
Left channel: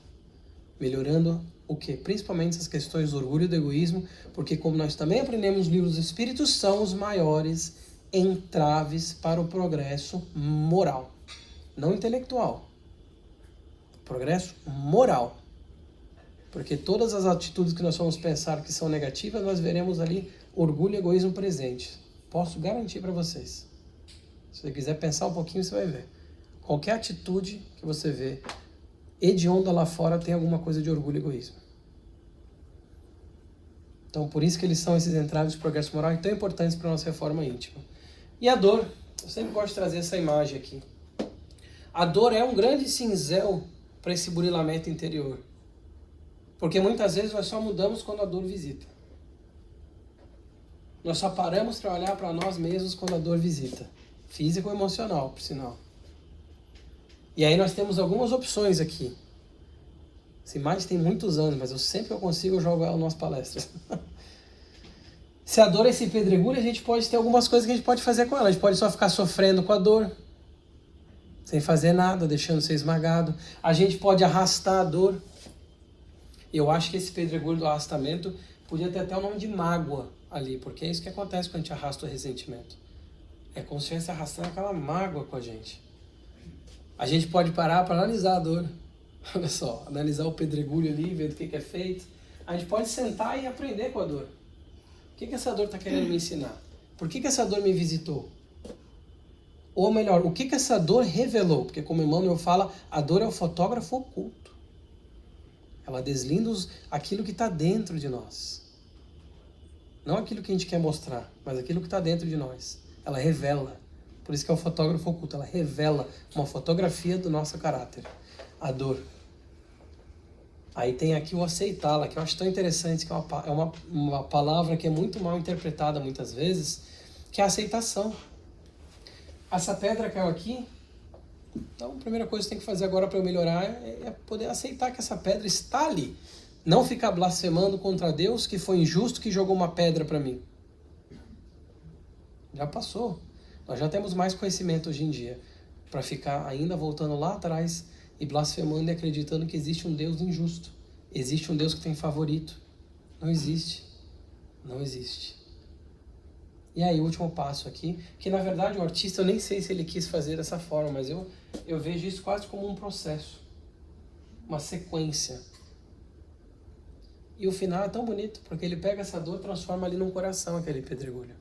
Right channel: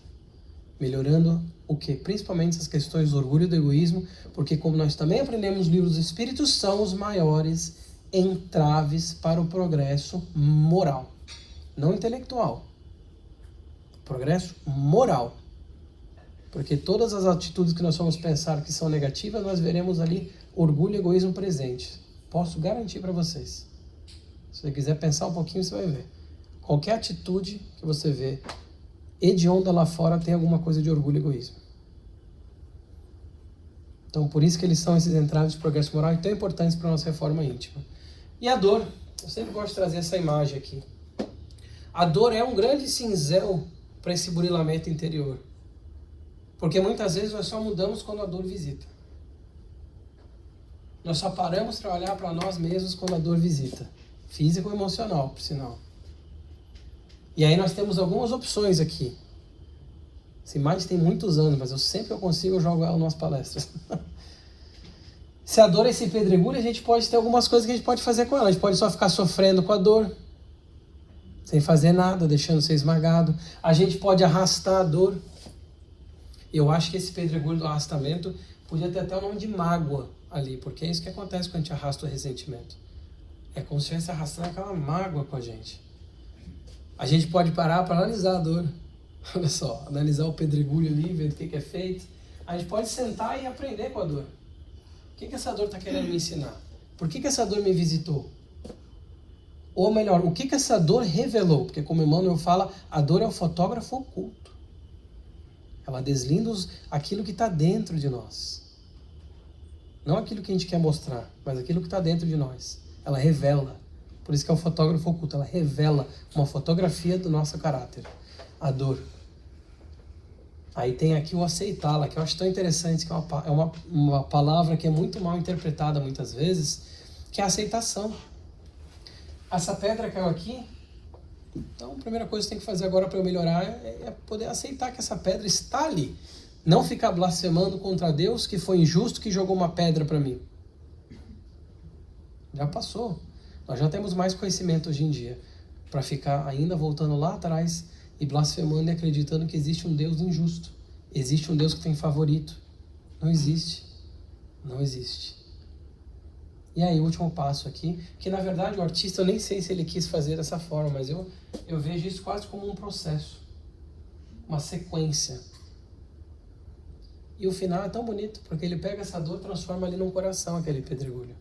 Melhorando o que? Principalmente essas questões do orgulho e do egoísmo, porque como nós também aprendemos nos livros dos Espíritos, são os maiores entraves para o progresso moral, não intelectual. Progresso moral. Porque todas as atitudes que nós vamos pensar que são negativas, nós veremos ali orgulho e egoísmo presente. Posso garantir para vocês. Se você quiser pensar um pouquinho, você vai ver. Qualquer atitude que você vê hedionda lá fora tem alguma coisa de orgulho e egoísmo. Então, por isso que eles são esses entraves de progresso moral e tão importantes para a nossa reforma íntima. E a dor. Eu sempre gosto de trazer essa imagem aqui. A dor é um grande cinzel para esse burilamento interior. Porque muitas vezes nós só mudamos quando a dor visita. Nós só paramos para olhar para nós mesmos quando a dor visita. Físico ou emocional, por sinal. E aí nós temos algumas opções aqui. Essa imagem tem muitos anos, mas sempre que eu consigo eu jogo ela nas palestras. Se a dor é esse pedregulho, a gente pode ter algumas coisas que a gente pode fazer com ela. A gente pode só ficar sofrendo com a dor, sem fazer nada, deixando ser esmagado. A gente pode arrastar a dor. Eu acho que esse pedregulho do arrastamento podia ter até o nome de mágoa ali, porque é isso que acontece quando a gente arrasta o ressentimento. É como se estivesse arrastando aquela mágoa com a gente. A gente pode parar para analisar a dor. Olha só, analisar o pedregulho ali, ver o que é feito. A gente pode sentar e aprender com a dor. O que essa dor está querendo me ensinar? Por que essa dor me visitou? Ou melhor, o que essa dor revelou? Porque como Emmanuel fala, a dor é o fotógrafo oculto. Ela deslinda aquilo que está dentro de nós. Não aquilo que a gente quer mostrar, mas aquilo que está dentro de nós. Ela revela. Por isso que é o fotógrafo oculto. Ela revela uma fotografia do nosso caráter. A dor. Aí tem aqui o aceitá-la, que eu acho tão interessante, que é uma palavra que é muito mal interpretada muitas vezes, que é a aceitação. Essa pedra caiu aqui, então a primeira coisa que tem que fazer agora para eu melhorar é poder aceitar que essa pedra está ali. Não ficar blasfemando contra Deus, que foi injusto, que jogou uma pedra para mim. Já passou. Nós já temos mais conhecimento hoje em dia para ficar ainda voltando lá atrás e blasfemando e acreditando que existe um Deus injusto. Existe um Deus que tem favorito. Não existe. Não existe. E aí, o último passo aqui, que na verdade o artista, eu nem sei se ele quis fazer dessa forma, mas eu vejo isso quase como um processo, uma sequência. E o final é tão bonito, porque ele pega essa dor e transforma ali num coração, aquele pedregulho.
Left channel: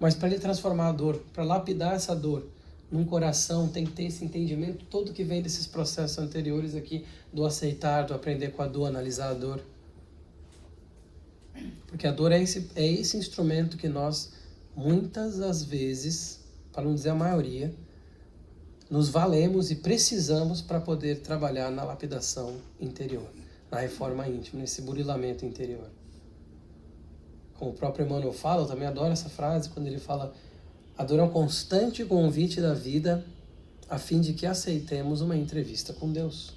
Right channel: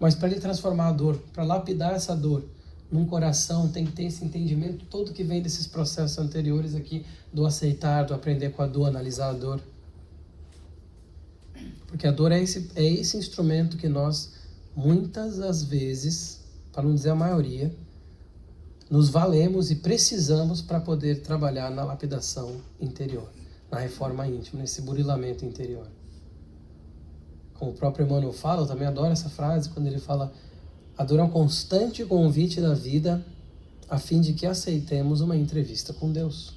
Mas para ele transformar a dor, para lapidar essa dor num coração, tem que ter esse entendimento todo que vem desses processos anteriores aqui, do aceitar, do aprender com a dor, analisar a dor. Porque a dor é esse instrumento que nós, muitas das vezes, para não dizer a maioria, nos valemos e precisamos para poder trabalhar na lapidação interior, na reforma íntima, nesse burilamento interior. Como o próprio Emmanuel fala, eu também adoro essa frase, quando ele fala: a dor é um constante convite da vida a fim de que aceitemos uma entrevista com Deus.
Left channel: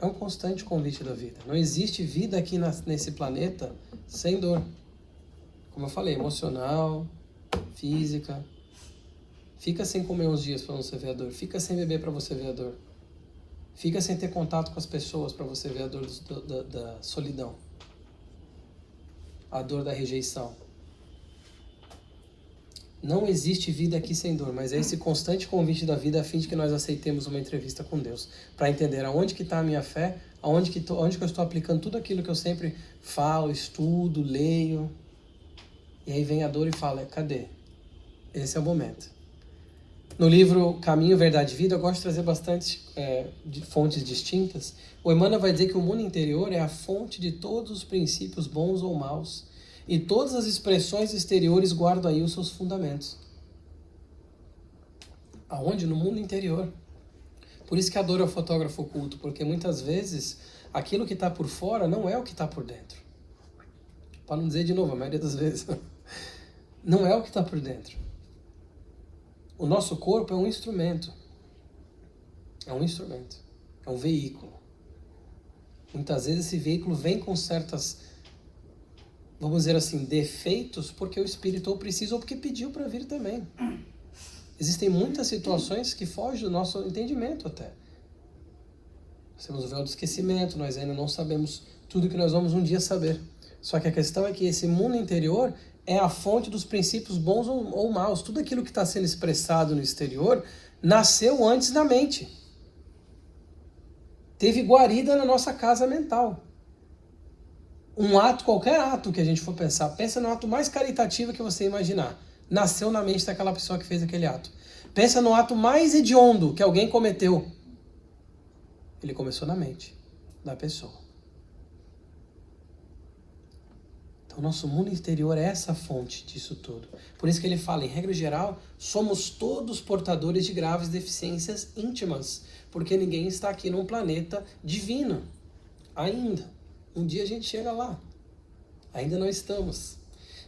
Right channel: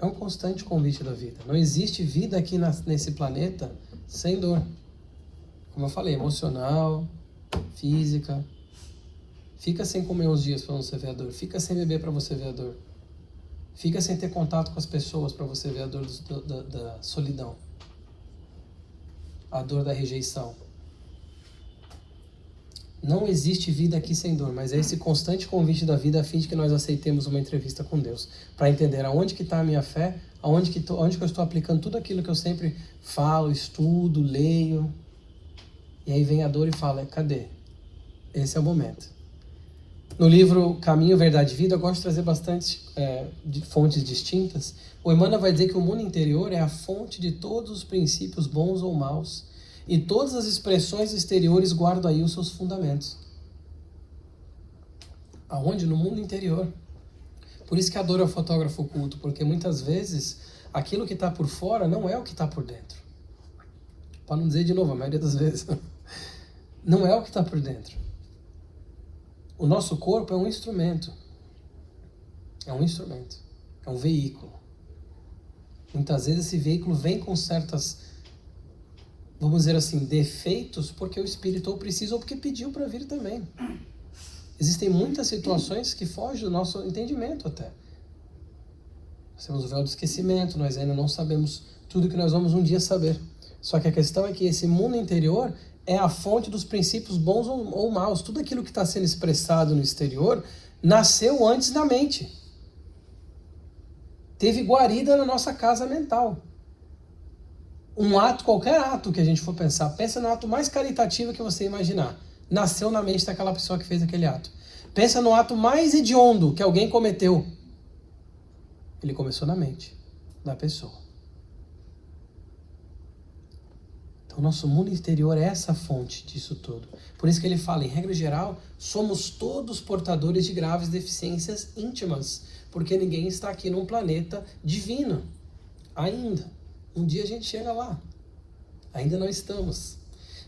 É um constante convite da vida. Não existe vida aqui nesse planeta sem dor. Como eu falei, emocional, física. Fica sem comer uns dias para você ver a dor. Fica sem beber para você ver a dor. Fica sem ter contato com as pessoas para você ver a dor da solidão. A dor da rejeição. Não existe vida aqui sem dor, mas é esse constante convite da vida a fim de que nós aceitemos uma entrevista com Deus, para entender aonde que está a minha fé, aonde que eu estou aplicando tudo aquilo que eu sempre falo, estudo, leio. E aí vem a dor e fala: cadê? Esse é o momento. No livro Caminho, Verdade e Vida, eu gosto de trazer bastante de fontes distintas. O Emmanuel vai dizer que o mundo interior é a fonte de todos os princípios bons ou maus, e todas as expressões exteriores guardam aí os seus fundamentos. Aonde? No mundo interior. Por isso que a dor é o fotógrafo oculto, porque muitas vezes aquilo que está por fora não é o que está por dentro. Para não dizer de novo, a maioria das vezes, não é o que está por dentro. O nosso corpo é um instrumento. É um instrumento. É um veículo. Muitas vezes esse veículo vem com certas, vamos dizer assim, defeitos, porque o espírito ou precisa ou porque pediu para vir também. Existem muitas situações que fogem do nosso entendimento até. Nós temos o véu do esquecimento, nós ainda não sabemos tudo que nós vamos um dia saber. Só que a questão é que esse mundo interior é a fonte dos princípios bons ou maus. Tudo aquilo que está sendo expressado no exterior nasceu antes na mente. Teve guarida na nossa casa mental. Um ato, qualquer ato que a gente for pensar, pensa no ato mais caritativo que você imaginar. Nasceu na mente daquela pessoa que fez aquele ato. Pensa no ato mais hediondo que alguém cometeu. Ele começou na mente da pessoa. Então, nosso mundo interior é essa fonte disso tudo. Por isso que ele fala, em regra geral, somos todos portadores de graves deficiências íntimas, porque ninguém está aqui num planeta divino. Ainda. Um dia a gente chega lá. Ainda não estamos.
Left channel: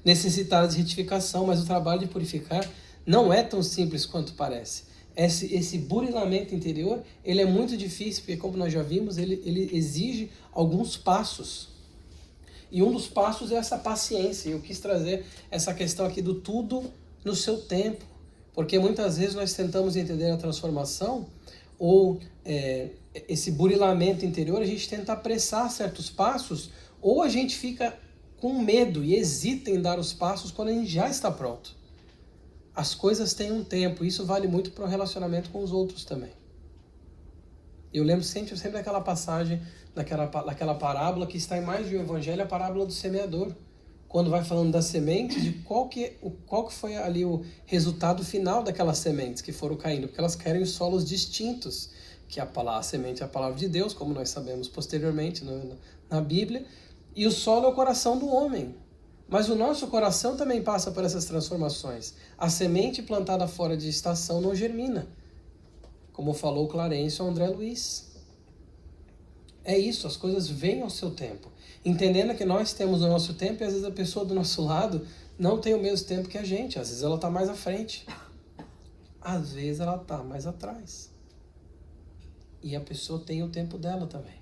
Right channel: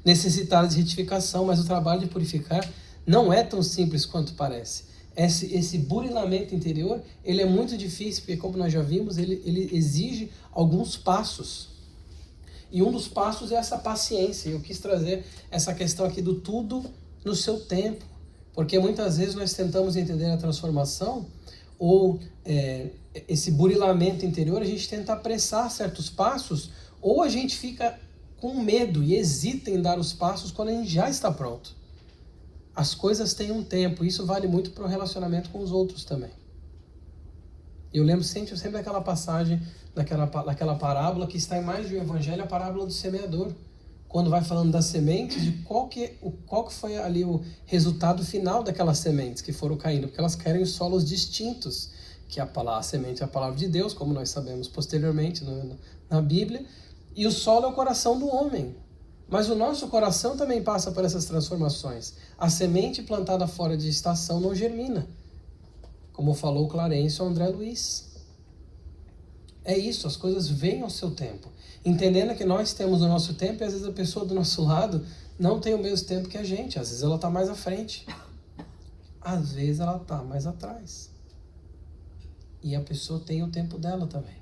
Necessitados de retificação, mas o trabalho de purificar não é tão simples quanto parece. Esse burilamento interior, ele é muito difícil, porque como nós já vimos, ele exige alguns passos. E um dos passos é essa paciência. Eu quis trazer essa questão aqui do tudo no seu tempo. Porque muitas vezes nós tentamos entender a transformação, ou esse burilamento interior, a gente tenta apressar certos passos, ou a gente fica com medo e hesita em dar os passos quando a gente já está pronto. As coisas têm um tempo. Isso vale muito para o relacionamento com os outros também. Eu lembro sempre daquela passagem, daquela parábola que está em mais de um evangelho, a parábola do semeador. Quando vai falando das sementes, de qual que foi ali o resultado final daquelas sementes que foram caindo, porque elas caíram em solos distintos, que a semente é a palavra de Deus, como nós sabemos posteriormente na Bíblia, e o solo é o coração do homem. Mas o nosso coração também passa por essas transformações. A semente plantada fora de estação não germina, como falou Clarence ou André Luiz. É isso, as coisas vêm ao seu tempo. Entendendo que nós temos o nosso tempo e às vezes a pessoa do nosso lado não tem o mesmo tempo que a gente. Às vezes ela está mais à frente. Às vezes ela está mais atrás. E a pessoa tem o tempo dela também.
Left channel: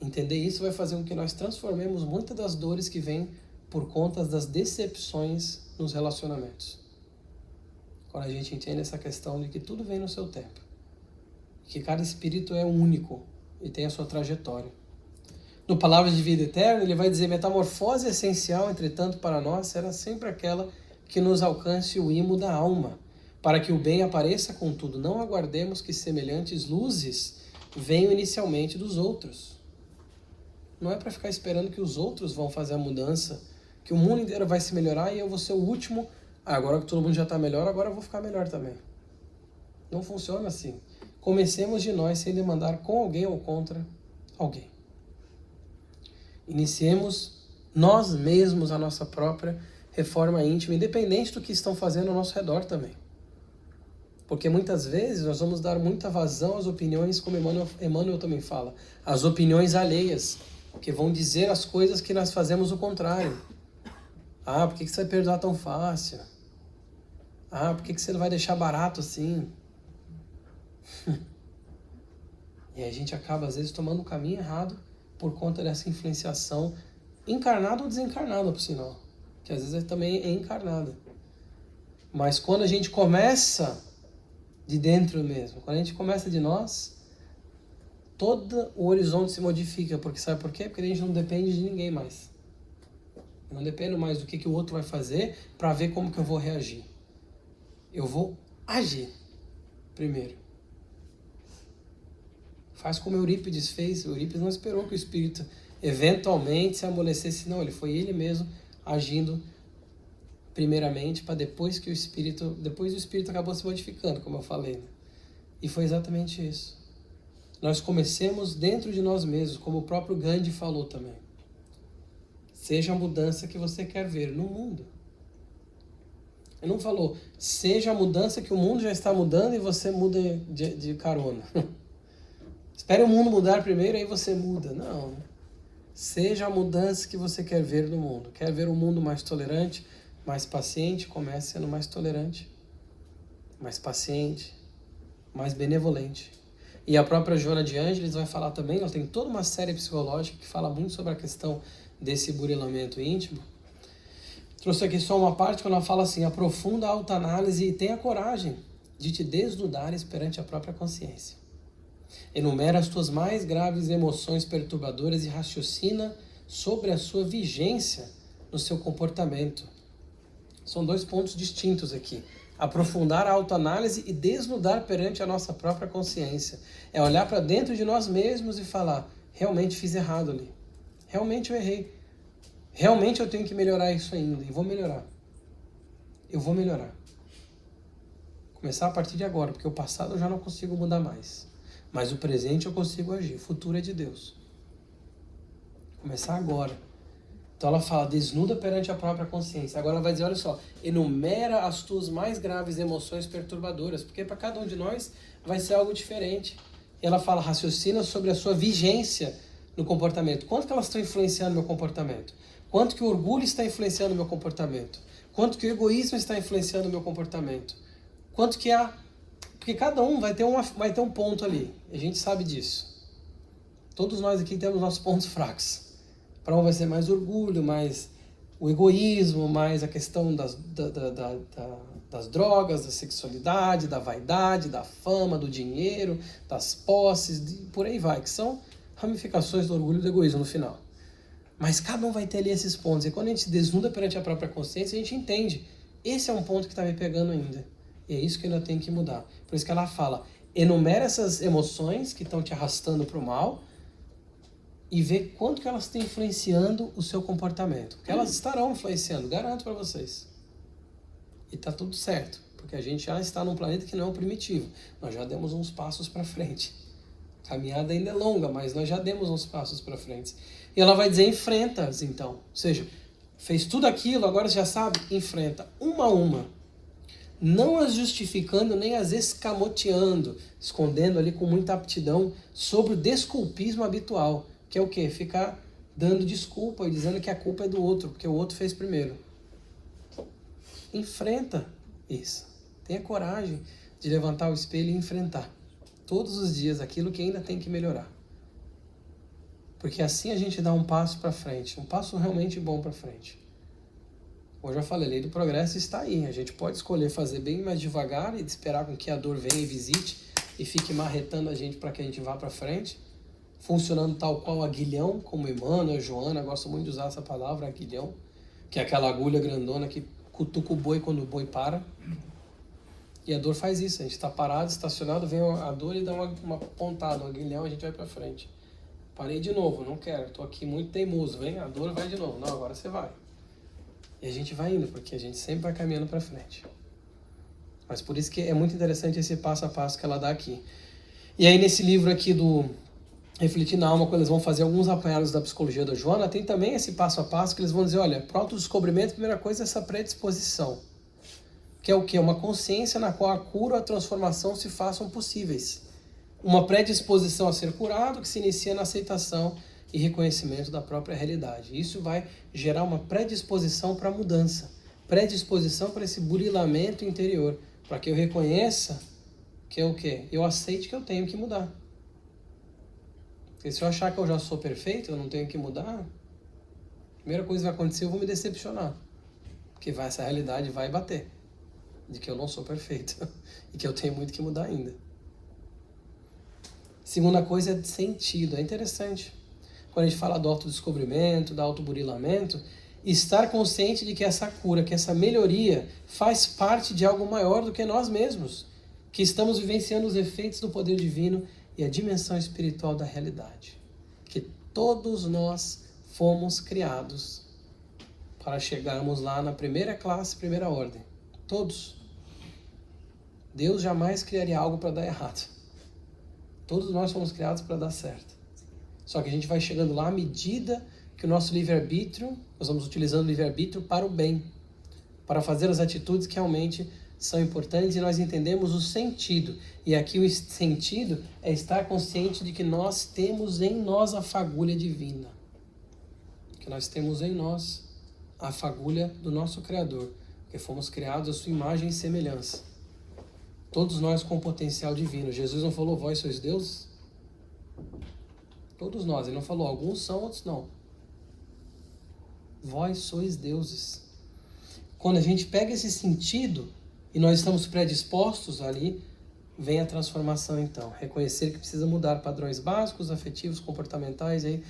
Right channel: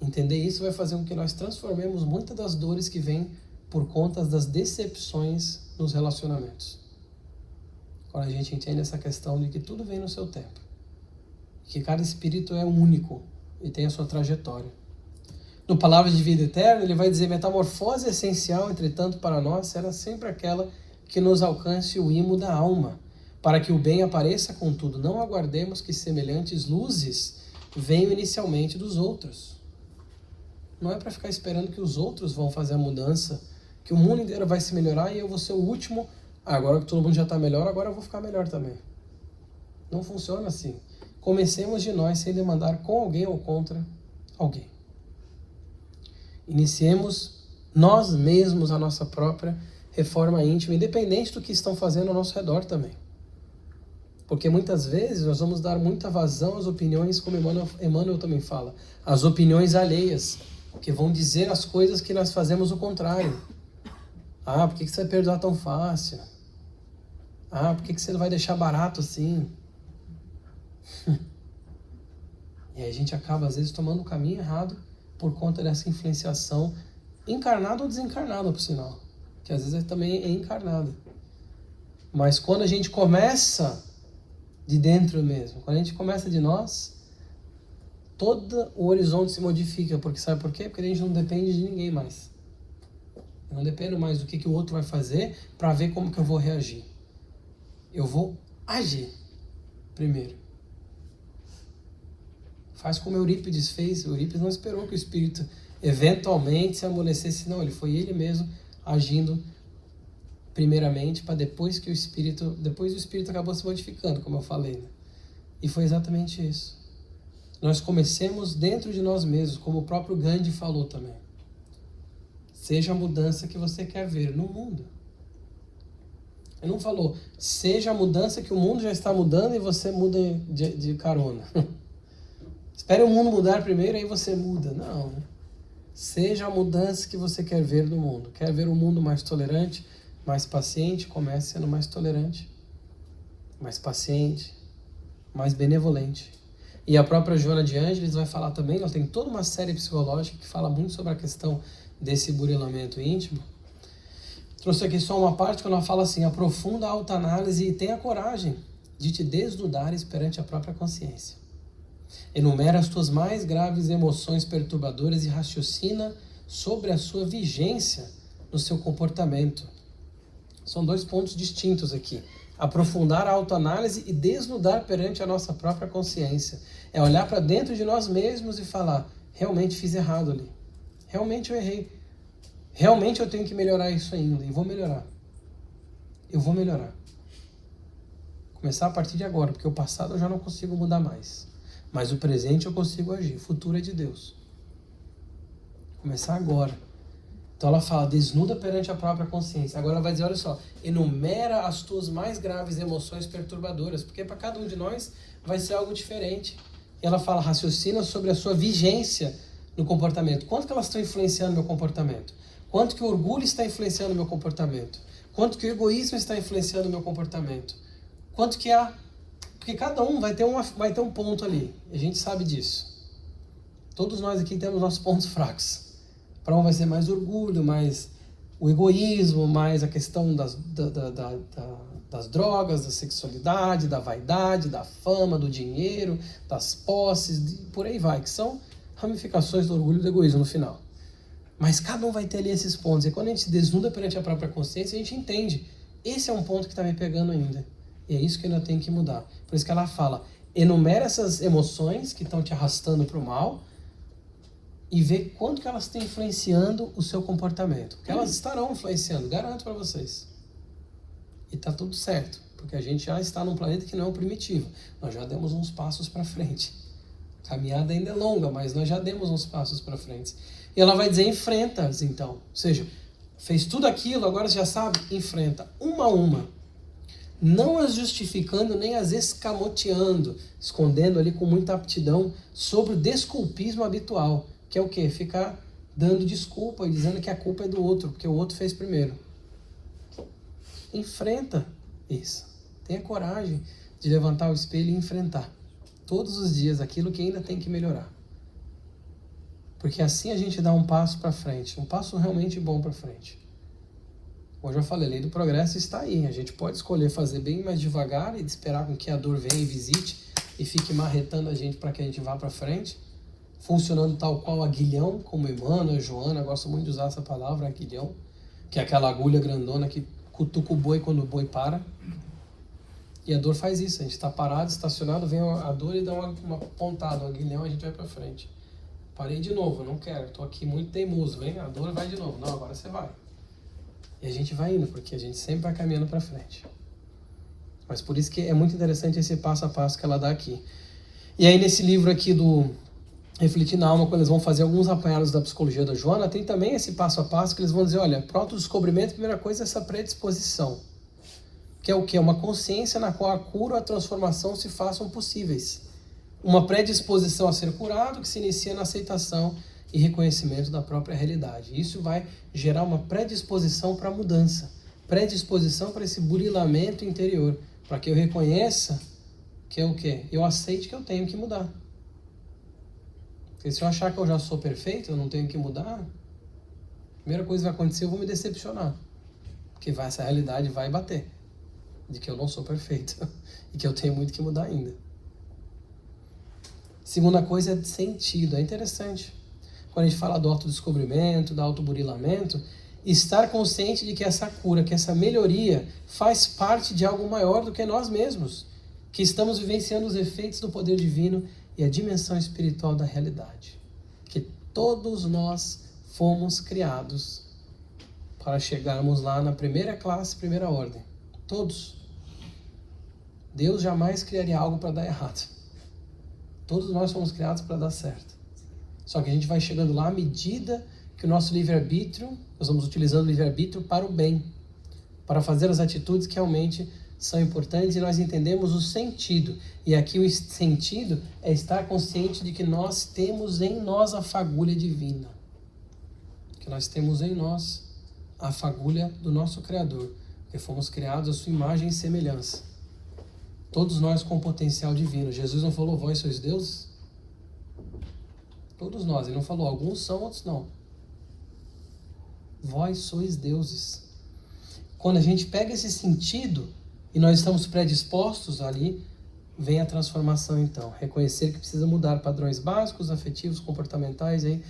Entender isso vai fazer com que nós transformemos muitas das dores que vêm por conta das decepções nos relacionamentos. Quando a gente entende essa questão de que tudo vem no seu tempo. Que cada espírito é único e tem a sua trajetória. No Palavra de Vida Eterna, ele vai dizer: metamorfose essencial, entretanto, para nós será sempre aquela que nos alcance o imo da alma. Para que o bem apareça, contudo, não aguardemos que semelhantes luzes venham inicialmente dos outros. Não é para ficar esperando que os outros vão fazer a mudança, que o mundo inteiro vai se melhorar e eu vou ser o último. Agora que todo mundo já está melhor, agora eu vou ficar melhor também. Não funciona assim. Comecemos de nós sem demandar com alguém ou contra alguém. Iniciemos nós mesmos a nossa própria reforma íntima, independente do que estão fazendo ao nosso redor também. Porque muitas vezes nós vamos dar muita vazão às opiniões, como Emmanuel também fala, as opiniões alheias, que vão dizer as coisas que nós fazemos o contrário. Ah, por que você vai perdoar tão fácil? Ah, por que você vai deixar barato assim? E aí a gente acaba às vezes tomando o caminho errado por conta dessa influenciação encarnada ou desencarnada, por sinal, que às vezes também é encarnada. Mas quando a gente começa de dentro mesmo, quando a gente começa de nós, todo o horizonte se modifica, porque sabe por quê? Porque a gente não depende de ninguém mais. Eu não dependo mais do que o outro vai fazer para ver como que eu vou reagir. Eu vou agir primeiro. Faz como Eurípides fez. Eurípides não esperou que o espírito eventualmente se amolecesse, não. Ele foi ele mesmo agindo primeiramente, para depois o espírito acabou se modificando, como eu falei, né? E foi exatamente isso. Nós comecemos dentro de nós mesmos, como o próprio Gandhi falou também. Seja a mudança que você quer ver no mundo. Ele não falou, seja a mudança que o mundo já está mudando e você muda de carona. Espere o mundo mudar primeiro, aí você muda. Não. Seja a mudança que você quer ver no mundo. Quer ver um mundo mais tolerante, mais paciente? Comece sendo mais tolerante, mais paciente, mais benevolente. E a própria Joana de Ângeles vai falar também, ela tem toda uma série psicológica que fala muito sobre a questão desse burilamento íntimo. Trouxe aqui só uma parte quando ela fala assim: aprofunda a autoanálise e tenha coragem de te desnudares perante a própria consciência. Enumera as tuas mais graves emoções perturbadoras e raciocina sobre a sua vigência no seu comportamento. São dois pontos distintos aqui. Aprofundar a autoanálise e desnudar perante a nossa própria consciência. É olhar para dentro de nós mesmos e falar: realmente fiz errado ali. Realmente eu errei. Realmente eu tenho que melhorar isso ainda. E vou melhorar. Eu vou melhorar. Começar a partir de agora, porque o passado eu já não consigo mudar mais. Mas o presente eu consigo agir. O futuro é de Deus. Começar agora. Então ela fala, desnuda perante a própria consciência. Agora ela vai dizer, olha só, enumera as tuas mais graves emoções perturbadoras, porque para cada um de nós vai ser algo diferente. E ela fala, raciocina sobre a sua vigência no comportamento. Quanto que elas estão influenciando o meu comportamento? Quanto que o orgulho está influenciando o meu comportamento? Quanto que o egoísmo está influenciando o meu comportamento? Quanto que Porque cada um vai ter um ponto ali. A gente sabe disso. Todos nós aqui temos nossos pontos fracos. Para um vai ser mais orgulho, mais o egoísmo, mais a questão das drogas, da sexualidade, da vaidade, da fama, do dinheiro, das posses, por aí vai, que são ramificações do orgulho e do egoísmo no final. Mas cada um vai ter ali esses pontos. E quando a gente se desnuda perante a própria consciência, a gente entende Esse é um ponto que está me pegando ainda. E é isso que eu ainda tenho que mudar. Por isso que ela fala, enumera essas emoções que estão te arrastando para o mal e vê quanto que elas estão influenciando o seu comportamento. Porque elas estarão influenciando, garanto para vocês. E tá tudo certo, porque a gente já está num planeta que não é o primitivo. Nós já demos uns passos para frente. A caminhada ainda é longa, mas nós já demos uns passos para frente. E ela vai dizer, enfrenta-as então. Ou seja, fez tudo aquilo, agora você já sabe, enfrenta uma a uma. Não as justificando nem as escamoteando, escondendo ali com muita aptidão sobre o desculpismo habitual, que é o quê? Ficar dando desculpa e dizendo que a culpa é do outro, porque o outro fez primeiro. Enfrenta isso. Tenha coragem de levantar o espelho e enfrentar todos os dias aquilo que ainda tem que melhorar. Porque assim a gente dá um passo para frente, um passo realmente bom para frente. Como eu já falei, a lei do progresso está aí. A gente pode escolher fazer bem mais devagar e esperar com que a dor venha e visite e fique marretando a gente para que a gente vá para frente, funcionando tal qual aguilhão, como Emmanuel, Joana, gosto muito de usar essa palavra, aguilhão, que é aquela agulha grandona que cutuca o boi quando o boi para. E a dor faz isso, a gente está parado, estacionado, vem a dor e dá uma pontada, um aguilhão, a gente vai para frente. Parei de novo, não quero, estou aqui muito teimoso, vem a dor e vai de novo. Não, agora você vai. E a gente vai indo, porque a gente sempre vai caminhando para frente. Mas por isso que é muito interessante esse passo a passo que ela dá aqui. E aí nesse livro aqui do Refletir na Alma, quando eles vão fazer alguns apanhados da psicologia da Joana, tem também esse passo a passo que eles vão dizer, olha, para o autodescobrimento, a primeira coisa é essa predisposição. Que é o quê? Uma consciência na qual a cura e a transformação se façam possíveis. Uma predisposição a ser curado que se inicia na aceitação e reconhecimento da própria realidade. Isso vai gerar uma predisposição para a mudança, predisposição para esse burilamento interior, para que eu reconheça que é o quê? Eu aceite que eu tenho que mudar. Porque se eu achar que eu já sou perfeito, eu não tenho que mudar, a primeira coisa que vai acontecer, eu vou me decepcionar. Porque essa realidade vai bater, de que eu não sou perfeito e que eu tenho muito que mudar ainda. Segunda coisa é de sentido, é interessante. Quando a gente fala do autodescobrimento, do autoburilamento, estar consciente de que essa cura, que essa melhoria faz parte de algo maior do que nós mesmos, que estamos vivenciando os efeitos do poder divino e a dimensão espiritual da realidade. Que todos nós fomos criados para chegarmos lá na primeira classe, primeira ordem. Todos. Deus jamais criaria algo para dar errado. Todos nós fomos criados para dar certo. Só que a gente vai chegando lá à medida que o nosso livre-arbítrio, nós vamos utilizando o livre-arbítrio para o bem, para fazer as atitudes que realmente são importantes e nós entendemos o sentido. E aqui o sentido é estar consciente de que nós temos em nós a fagulha divina. Que nós temos em nós a fagulha do nosso Criador, que fomos criados à sua imagem e semelhança. Todos nós com potencial divino. Jesus não falou, vós sois deuses? Todos nós. Ele não falou, alguns são, outros não. Vós sois deuses. Quando a gente pega esse sentido e nós estamos predispostos ali, vem a transformação então. Reconhecer que precisa mudar padrões básicos, afetivos, comportamentais. Aí,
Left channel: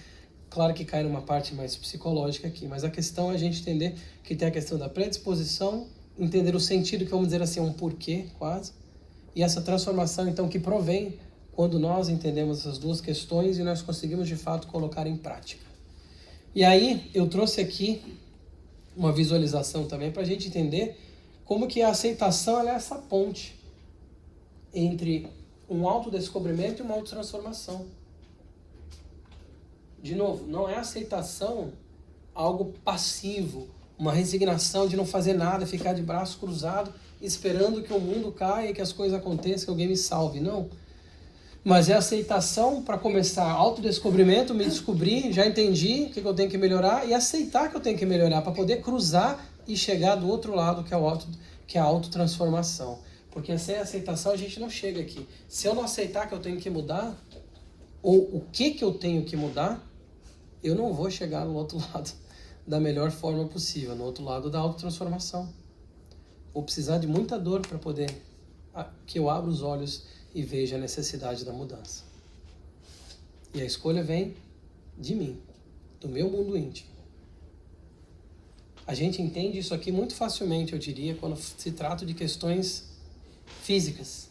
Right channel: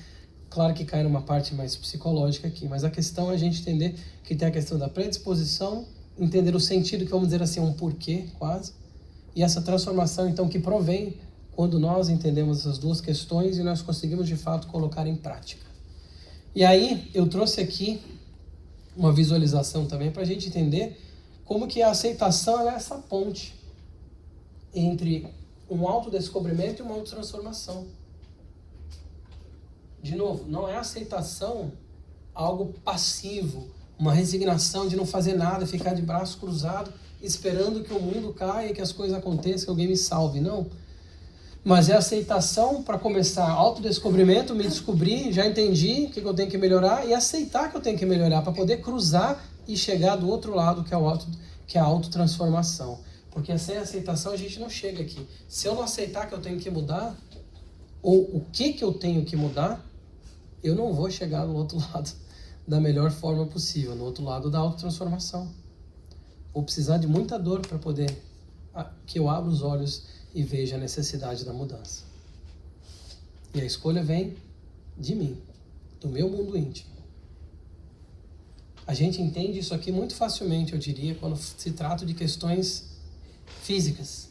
claro que cai numa parte mais psicológica aqui, mas a questão é a gente entender que tem a questão da predisposição, entender o sentido, que vamos dizer assim, um porquê quase, e essa transformação então que provém quando nós entendemos essas duas questões e nós conseguimos de fato colocar em prática. E aí eu trouxe aqui uma visualização também para a gente entender como que a aceitação é essa ponte entre um autodescobrimento e uma autotransformação. De novo, não é aceitação algo passivo, uma resignação de não fazer nada, ficar de braço cruzado, esperando que o mundo caia, que as coisas aconteçam, que alguém me salve. Não. Mas é aceitação para começar autodescobrimento, me descobrir, já entendi o que eu tenho que melhorar e aceitar que eu tenho que melhorar para poder cruzar e chegar do outro lado, que é a autotransformação. Porque sem aceitação a gente não chega aqui. Se eu não aceitar que eu tenho que mudar, ou o que eu tenho que mudar, eu não vou chegar no outro lado da melhor forma possível, no outro lado da autotransformação. Vou precisar de muita dor para poder que eu abra os olhos e veja a necessidade da mudança. E a escolha vem de mim, do meu mundo íntimo. A gente entende isso aqui muito facilmente, eu diria, quando se trata de questões físicas.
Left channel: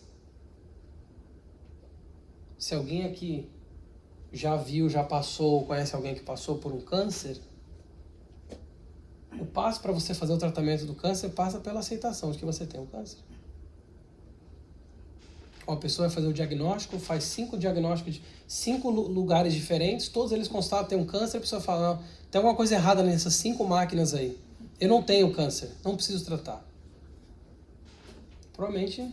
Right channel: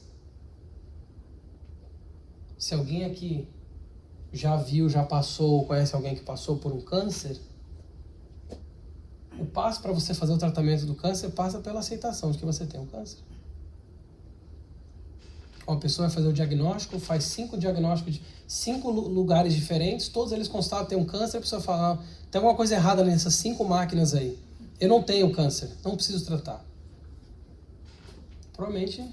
Se alguém aqui já viu, já passou, conhece alguém que passou por um câncer, o passo para você fazer o tratamento do câncer passa pela aceitação de que você tem um câncer. Uma pessoa vai fazer o diagnóstico, faz 5 diagnósticos de 5 lugares diferentes, todos eles constatam que tem um câncer, a pessoa fala, não, tem alguma coisa errada nessas 5 máquinas aí. Eu não tenho câncer, não preciso tratar. Provavelmente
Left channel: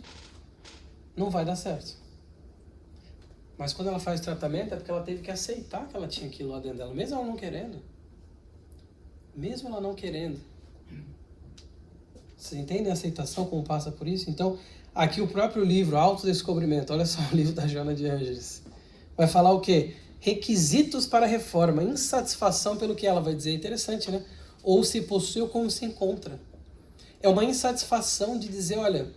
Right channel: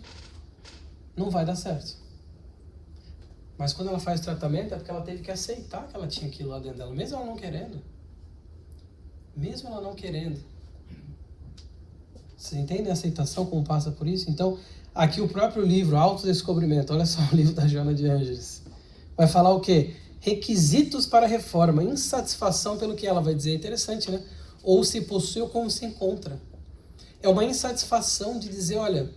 não vai dar certo. Mas quando ela faz o tratamento é porque ela teve que aceitar que ela tinha aquilo lá dentro dela, mesmo ela não querendo. Mesmo ela não querendo. Vocês entendem a aceitação, como passa por isso? Então, aqui o próprio livro, Autodescobrimento, olha só o livro da Joana de Ângeles, vai falar o quê? Requisitos para a reforma, insatisfação pelo que ela vai dizer. Interessante, né? Ou se possui ou como se encontra. É uma insatisfação de dizer, olha,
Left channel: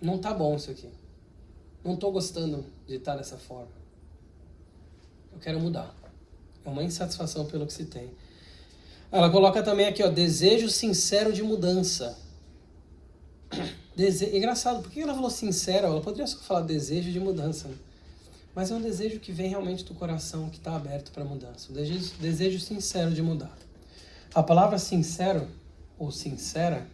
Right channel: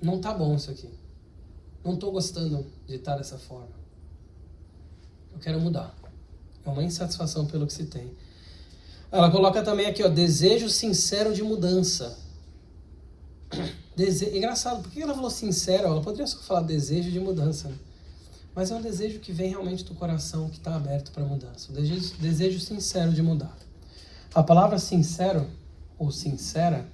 não tá bom isso aqui. Não estou gostando de estar dessa forma. Eu quero mudar. É uma insatisfação pelo que se tem. Ela coloca também aqui, ó, desejo sincero de mudança. Engraçado, por que ela falou sincero? Ela poderia só falar desejo de mudança, né? Mas é um desejo que vem realmente do coração, que está aberto para mudança. Desejo sincero de mudar. A palavra sincero, ou sincera,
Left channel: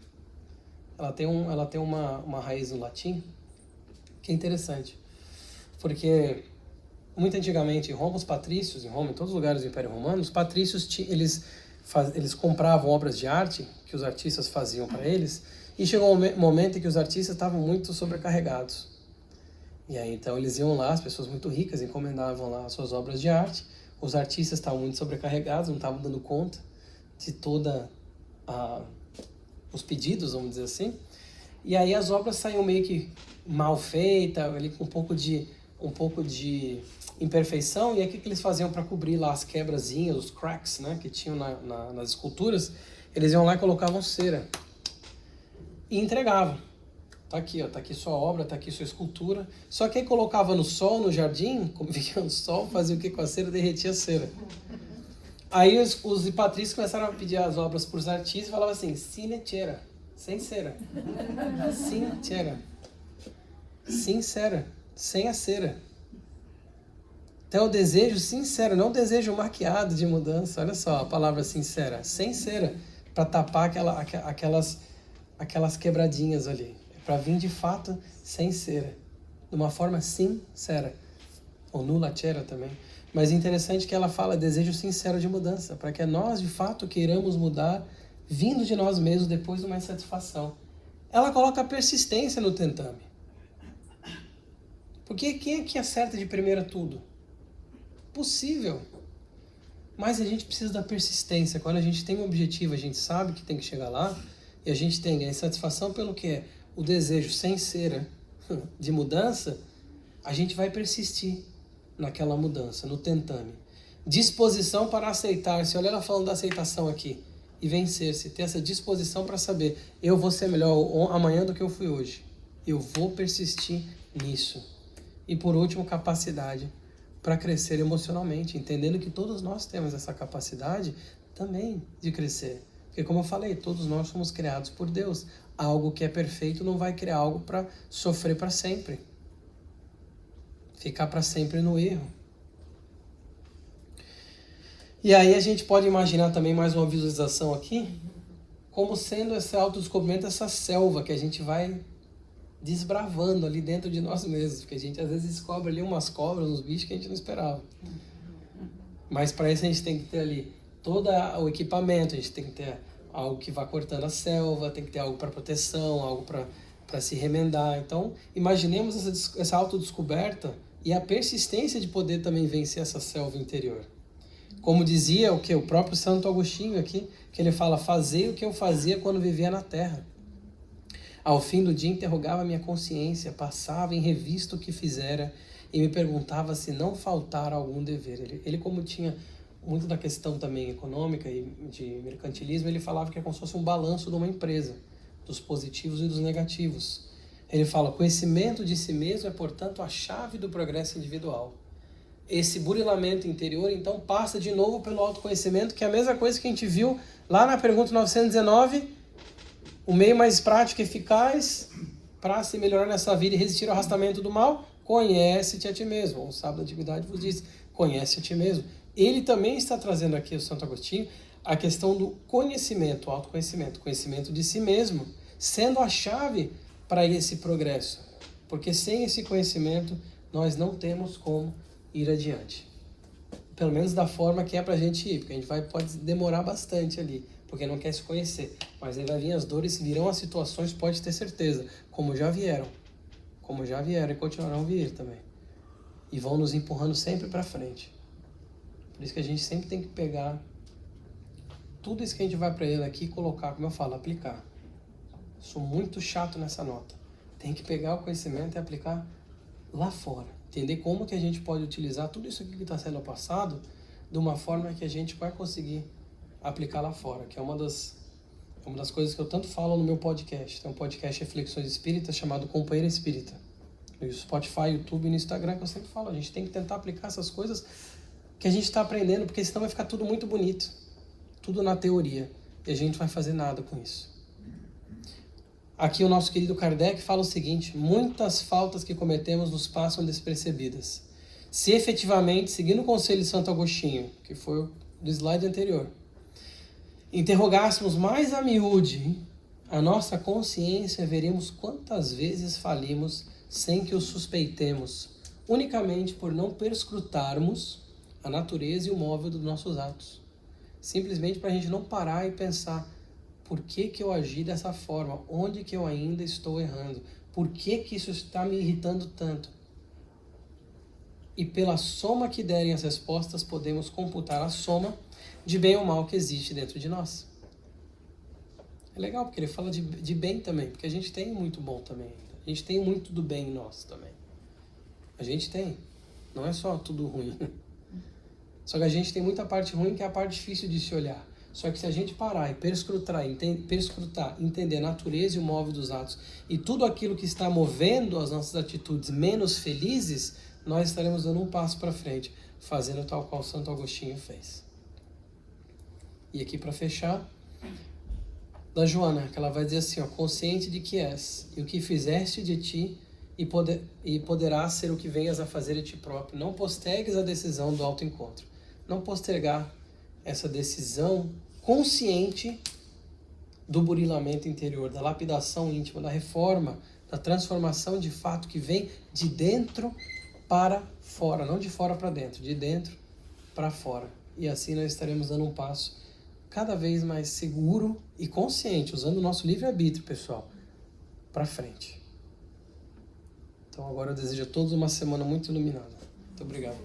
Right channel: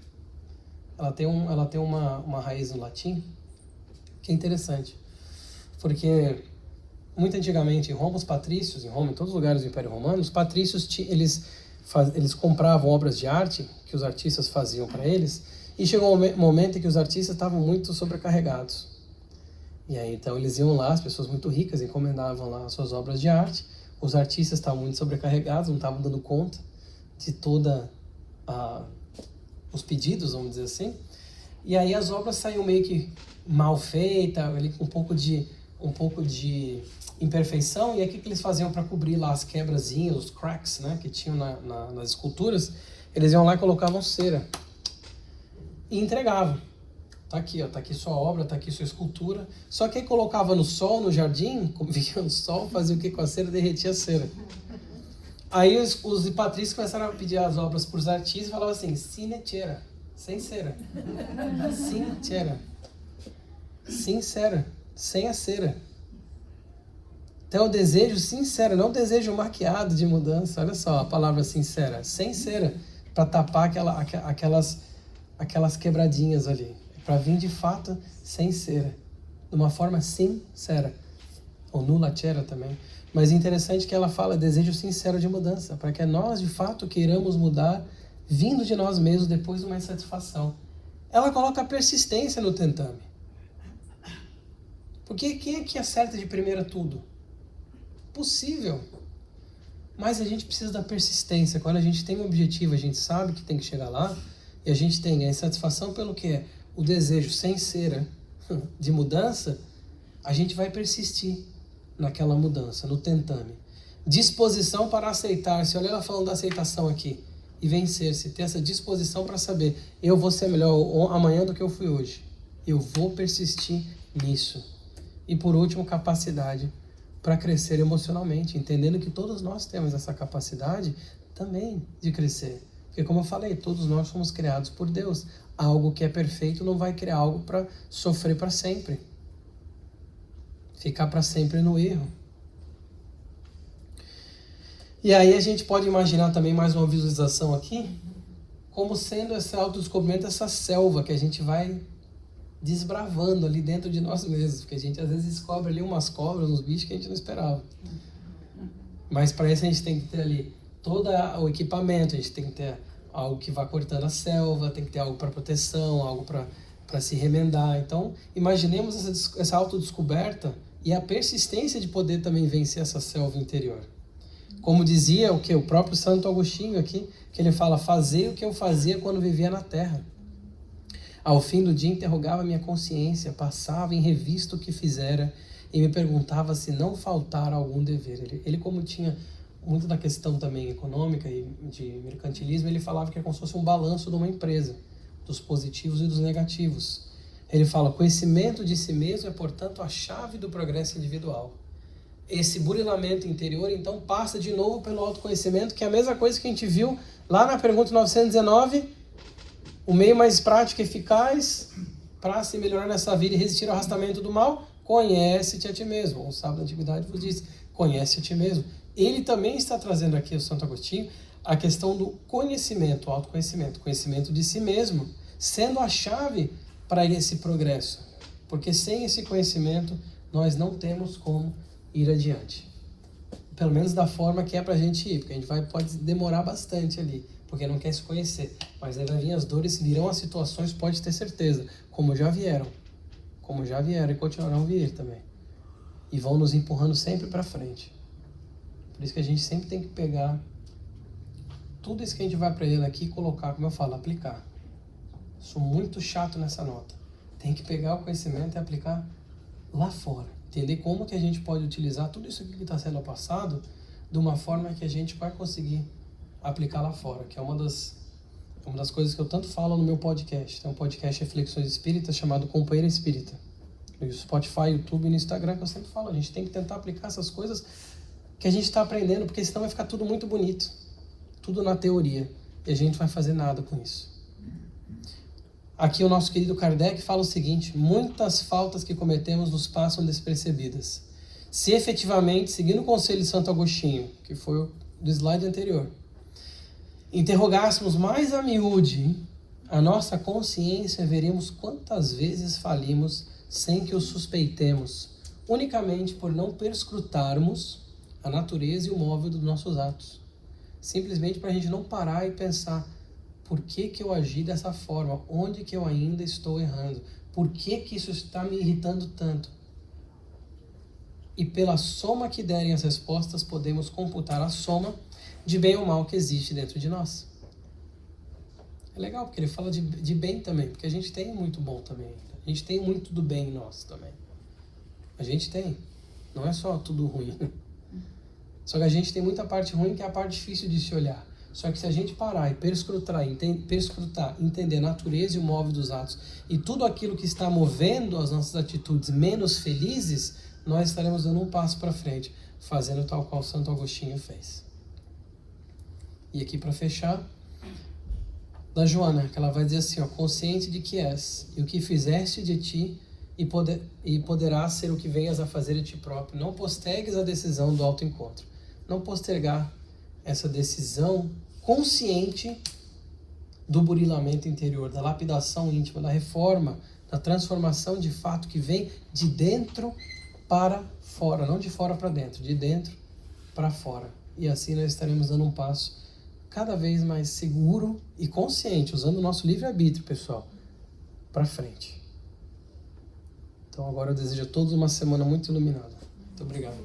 ela tem uma raiz em latim, que é interessante. Porque, muito antigamente, em Roma, os patrícios, em Roma, em todos os lugares do Império Romano, os patrícios, eles compravam obras de arte, que os artistas faziam para eles, e chegou um momento em que os artistas estavam muito sobrecarregados. E aí, então, eles iam lá, as pessoas muito ricas encomendavam lá as suas obras de arte, os artistas estavam muito sobrecarregados, não estavam dando conta de toda os pedidos, vamos dizer assim, e aí as obras saíam meio que mal feitas, ali com um pouco de imperfeição, e aí o que eles faziam para cobrir lá as quebrazinhas, os cracks, né, que tinham nas esculturas? Eles iam lá e colocavam cera e entregavam. Tá aqui, ó, tá aqui sua obra, tá aqui sua escultura. Só que aí colocava no sol, no jardim, como vinha o sol, fazia o que com a cera? Derretia a cera. Aí os patrícios começaram a pedir as obras para os artistas e falavam assim, sine cera, sem cera. Sincera. Sincera, sem a cera. Então o desejo sincero, não o desejo maquiado de mudança. Olha só a palavra sincera, sem cera, para tapar aquelas quebradinhas ali. Para vir de fato sem cera, de uma forma sincera, ou nulla cera também. Mas interessante que ela fala desejo sincero de mudança, para que nós de fato queiramos mudar, vindo de nós mesmos depois de uma insatisfação. Ela coloca a persistência no tentame. Porque quem é que acerta de primeira tudo? Possível. Mas a gente precisa da persistência. Quando a gente tem um objetivo, a gente sabe que tem que chegar lá, e a gente tem a insatisfação pelo que é o desejo sem cera de mudança, a gente vai persistir naquela mudança, no tentame. Disposição para aceitar-se. Olha ela falando da aceitação aqui. E vencer-se. Ter essa disposição para saber, eu vou ser melhor amanhã do que eu fui hoje. Eu vou persistir nisso. E por último, capacidade para crescer emocionalmente, entendendo que todos nós temos essa capacidade também de crescer. Porque como eu falei, todos nós somos criados por Deus. Algo que é perfeito não vai criar algo para sofrer para sempre. Ficar para sempre no erro. E aí a gente pode imaginar também mais uma visualização aqui, como sendo esse autodescobrimento, essa selva que a gente vai desbravando ali dentro de nós mesmos. Porque a gente às vezes descobre ali umas cobras, uns bichos que a gente não esperava. Mas para isso a gente tem que ter ali todo o equipamento, a gente tem que ter algo que vá cortando a selva, tem que ter algo para proteção, algo para se remendar. Então, imaginemos essa autodescoberta e a persistência de poder também vencer essa selva interior. Como dizia o próprio Santo Agostinho aqui, que ele fala, fazei o que eu fazia quando vivia na terra. Ao fim do dia interrogava minha consciência, passava em revista o que fizera e me perguntava se não faltara algum dever. Ele como tinha muito da questão também econômica e de mercantilismo, ele falava que é como se fosse um balanço de uma empresa, dos positivos e dos negativos. Ele fala, conhecimento de si mesmo é, portanto, a chave do progresso individual. esse burilamento interior, então passa de novo pelo autoconhecimento, que é a mesma coisa que a gente viu lá na pergunta 919, o meio mais prático e eficaz para se melhorar nessa vida e resistir ao arrastamento do mal, conhece-te a ti mesmo. O sábio da antiguidade vos diz, conhece a ti mesmo. Ele também está trazendo aqui, o Santo Agostinho, a questão do conhecimento, o autoconhecimento, conhecimento de si mesmo, sendo a chave para esse progresso. Porque sem esse conhecimento, nós não temos como ir adiante. Pelo menos da forma que é pra gente ir, porque a gente pode demorar bastante ali, porque não quer se conhecer. Mas aí vai vir as dores, virão as situações, pode ter certeza, como já vieram e continuarão a vir também. E vão nos empurrando sempre para frente. Por isso que a gente sempre tem que pegar tudo isso que a gente vai aprendendo aqui e colocar, como eu falo, aplicar. Sou muito chato nessa nota. Tem que pegar o conhecimento e aplicar lá fora. Entender como que a gente pode utilizar tudo isso aqui que está sendo passado de uma forma que a gente vai conseguir aplicar lá fora, que é uma das coisas que eu tanto falo no meu podcast. Tem um podcast Reflexões Espíritas chamado Companheiro Espírita. No Spotify, YouTube e no Instagram, que eu sempre falo, a gente tem que tentar aplicar essas coisas que a gente está aprendendo, porque senão vai ficar tudo muito bonito. Tudo na teoria. E a gente não vai fazer nada com isso. Aqui o nosso querido Kardec fala o seguinte: muitas faltas que cometemos nos passam despercebidas. Se efetivamente, seguindo o conselho de Santo Agostinho, que foi do slide anterior, interrogássemos mais a miúde a nossa consciência, veremos quantas vezes falimos sem que o suspeitemos, unicamente por não perscrutarmos a natureza e o móvel dos nossos atos. Simplesmente para a gente não parar e pensar: por que que eu agi dessa forma? Onde que eu ainda estou errando? Por que que isso está me irritando tanto? E pela soma que derem as respostas, podemos computar a soma de bem ou mal que existe dentro de nós. É legal, porque ele fala de bem também, porque a gente tem muito bom também ainda. A gente tem muito do bem em nós também. A gente tem. Não é só tudo ruim. Só que a gente tem muita parte ruim, que é a parte difícil de se olhar. Só que se a gente parar e perscrutar, entender a natureza e o móvel dos atos e tudo aquilo que está movendo as nossas atitudes menos felizes, nós estaremos dando um passo para frente, fazendo tal qual Santo Agostinho fez. E aqui para fechar, da Joana, que ela vai dizer assim, ó: consciente de que és, e o que fizeste de ti, e poderás ser o que venhas a fazer de ti próprio. Não postergues a decisão do autoencontro. Não postergar essa decisão consciente do burilamento interior, da lapidação íntima, da reforma, da transformação de fato que vem de dentro para fora, não de fora para dentro, de dentro para fora. E assim nós estaremos dando um passo cada vez mais seguro e consciente, usando o nosso livre-arbítrio, pessoal, para frente. Então agora eu desejo a todos uma semana muito iluminada. Muito obrigado.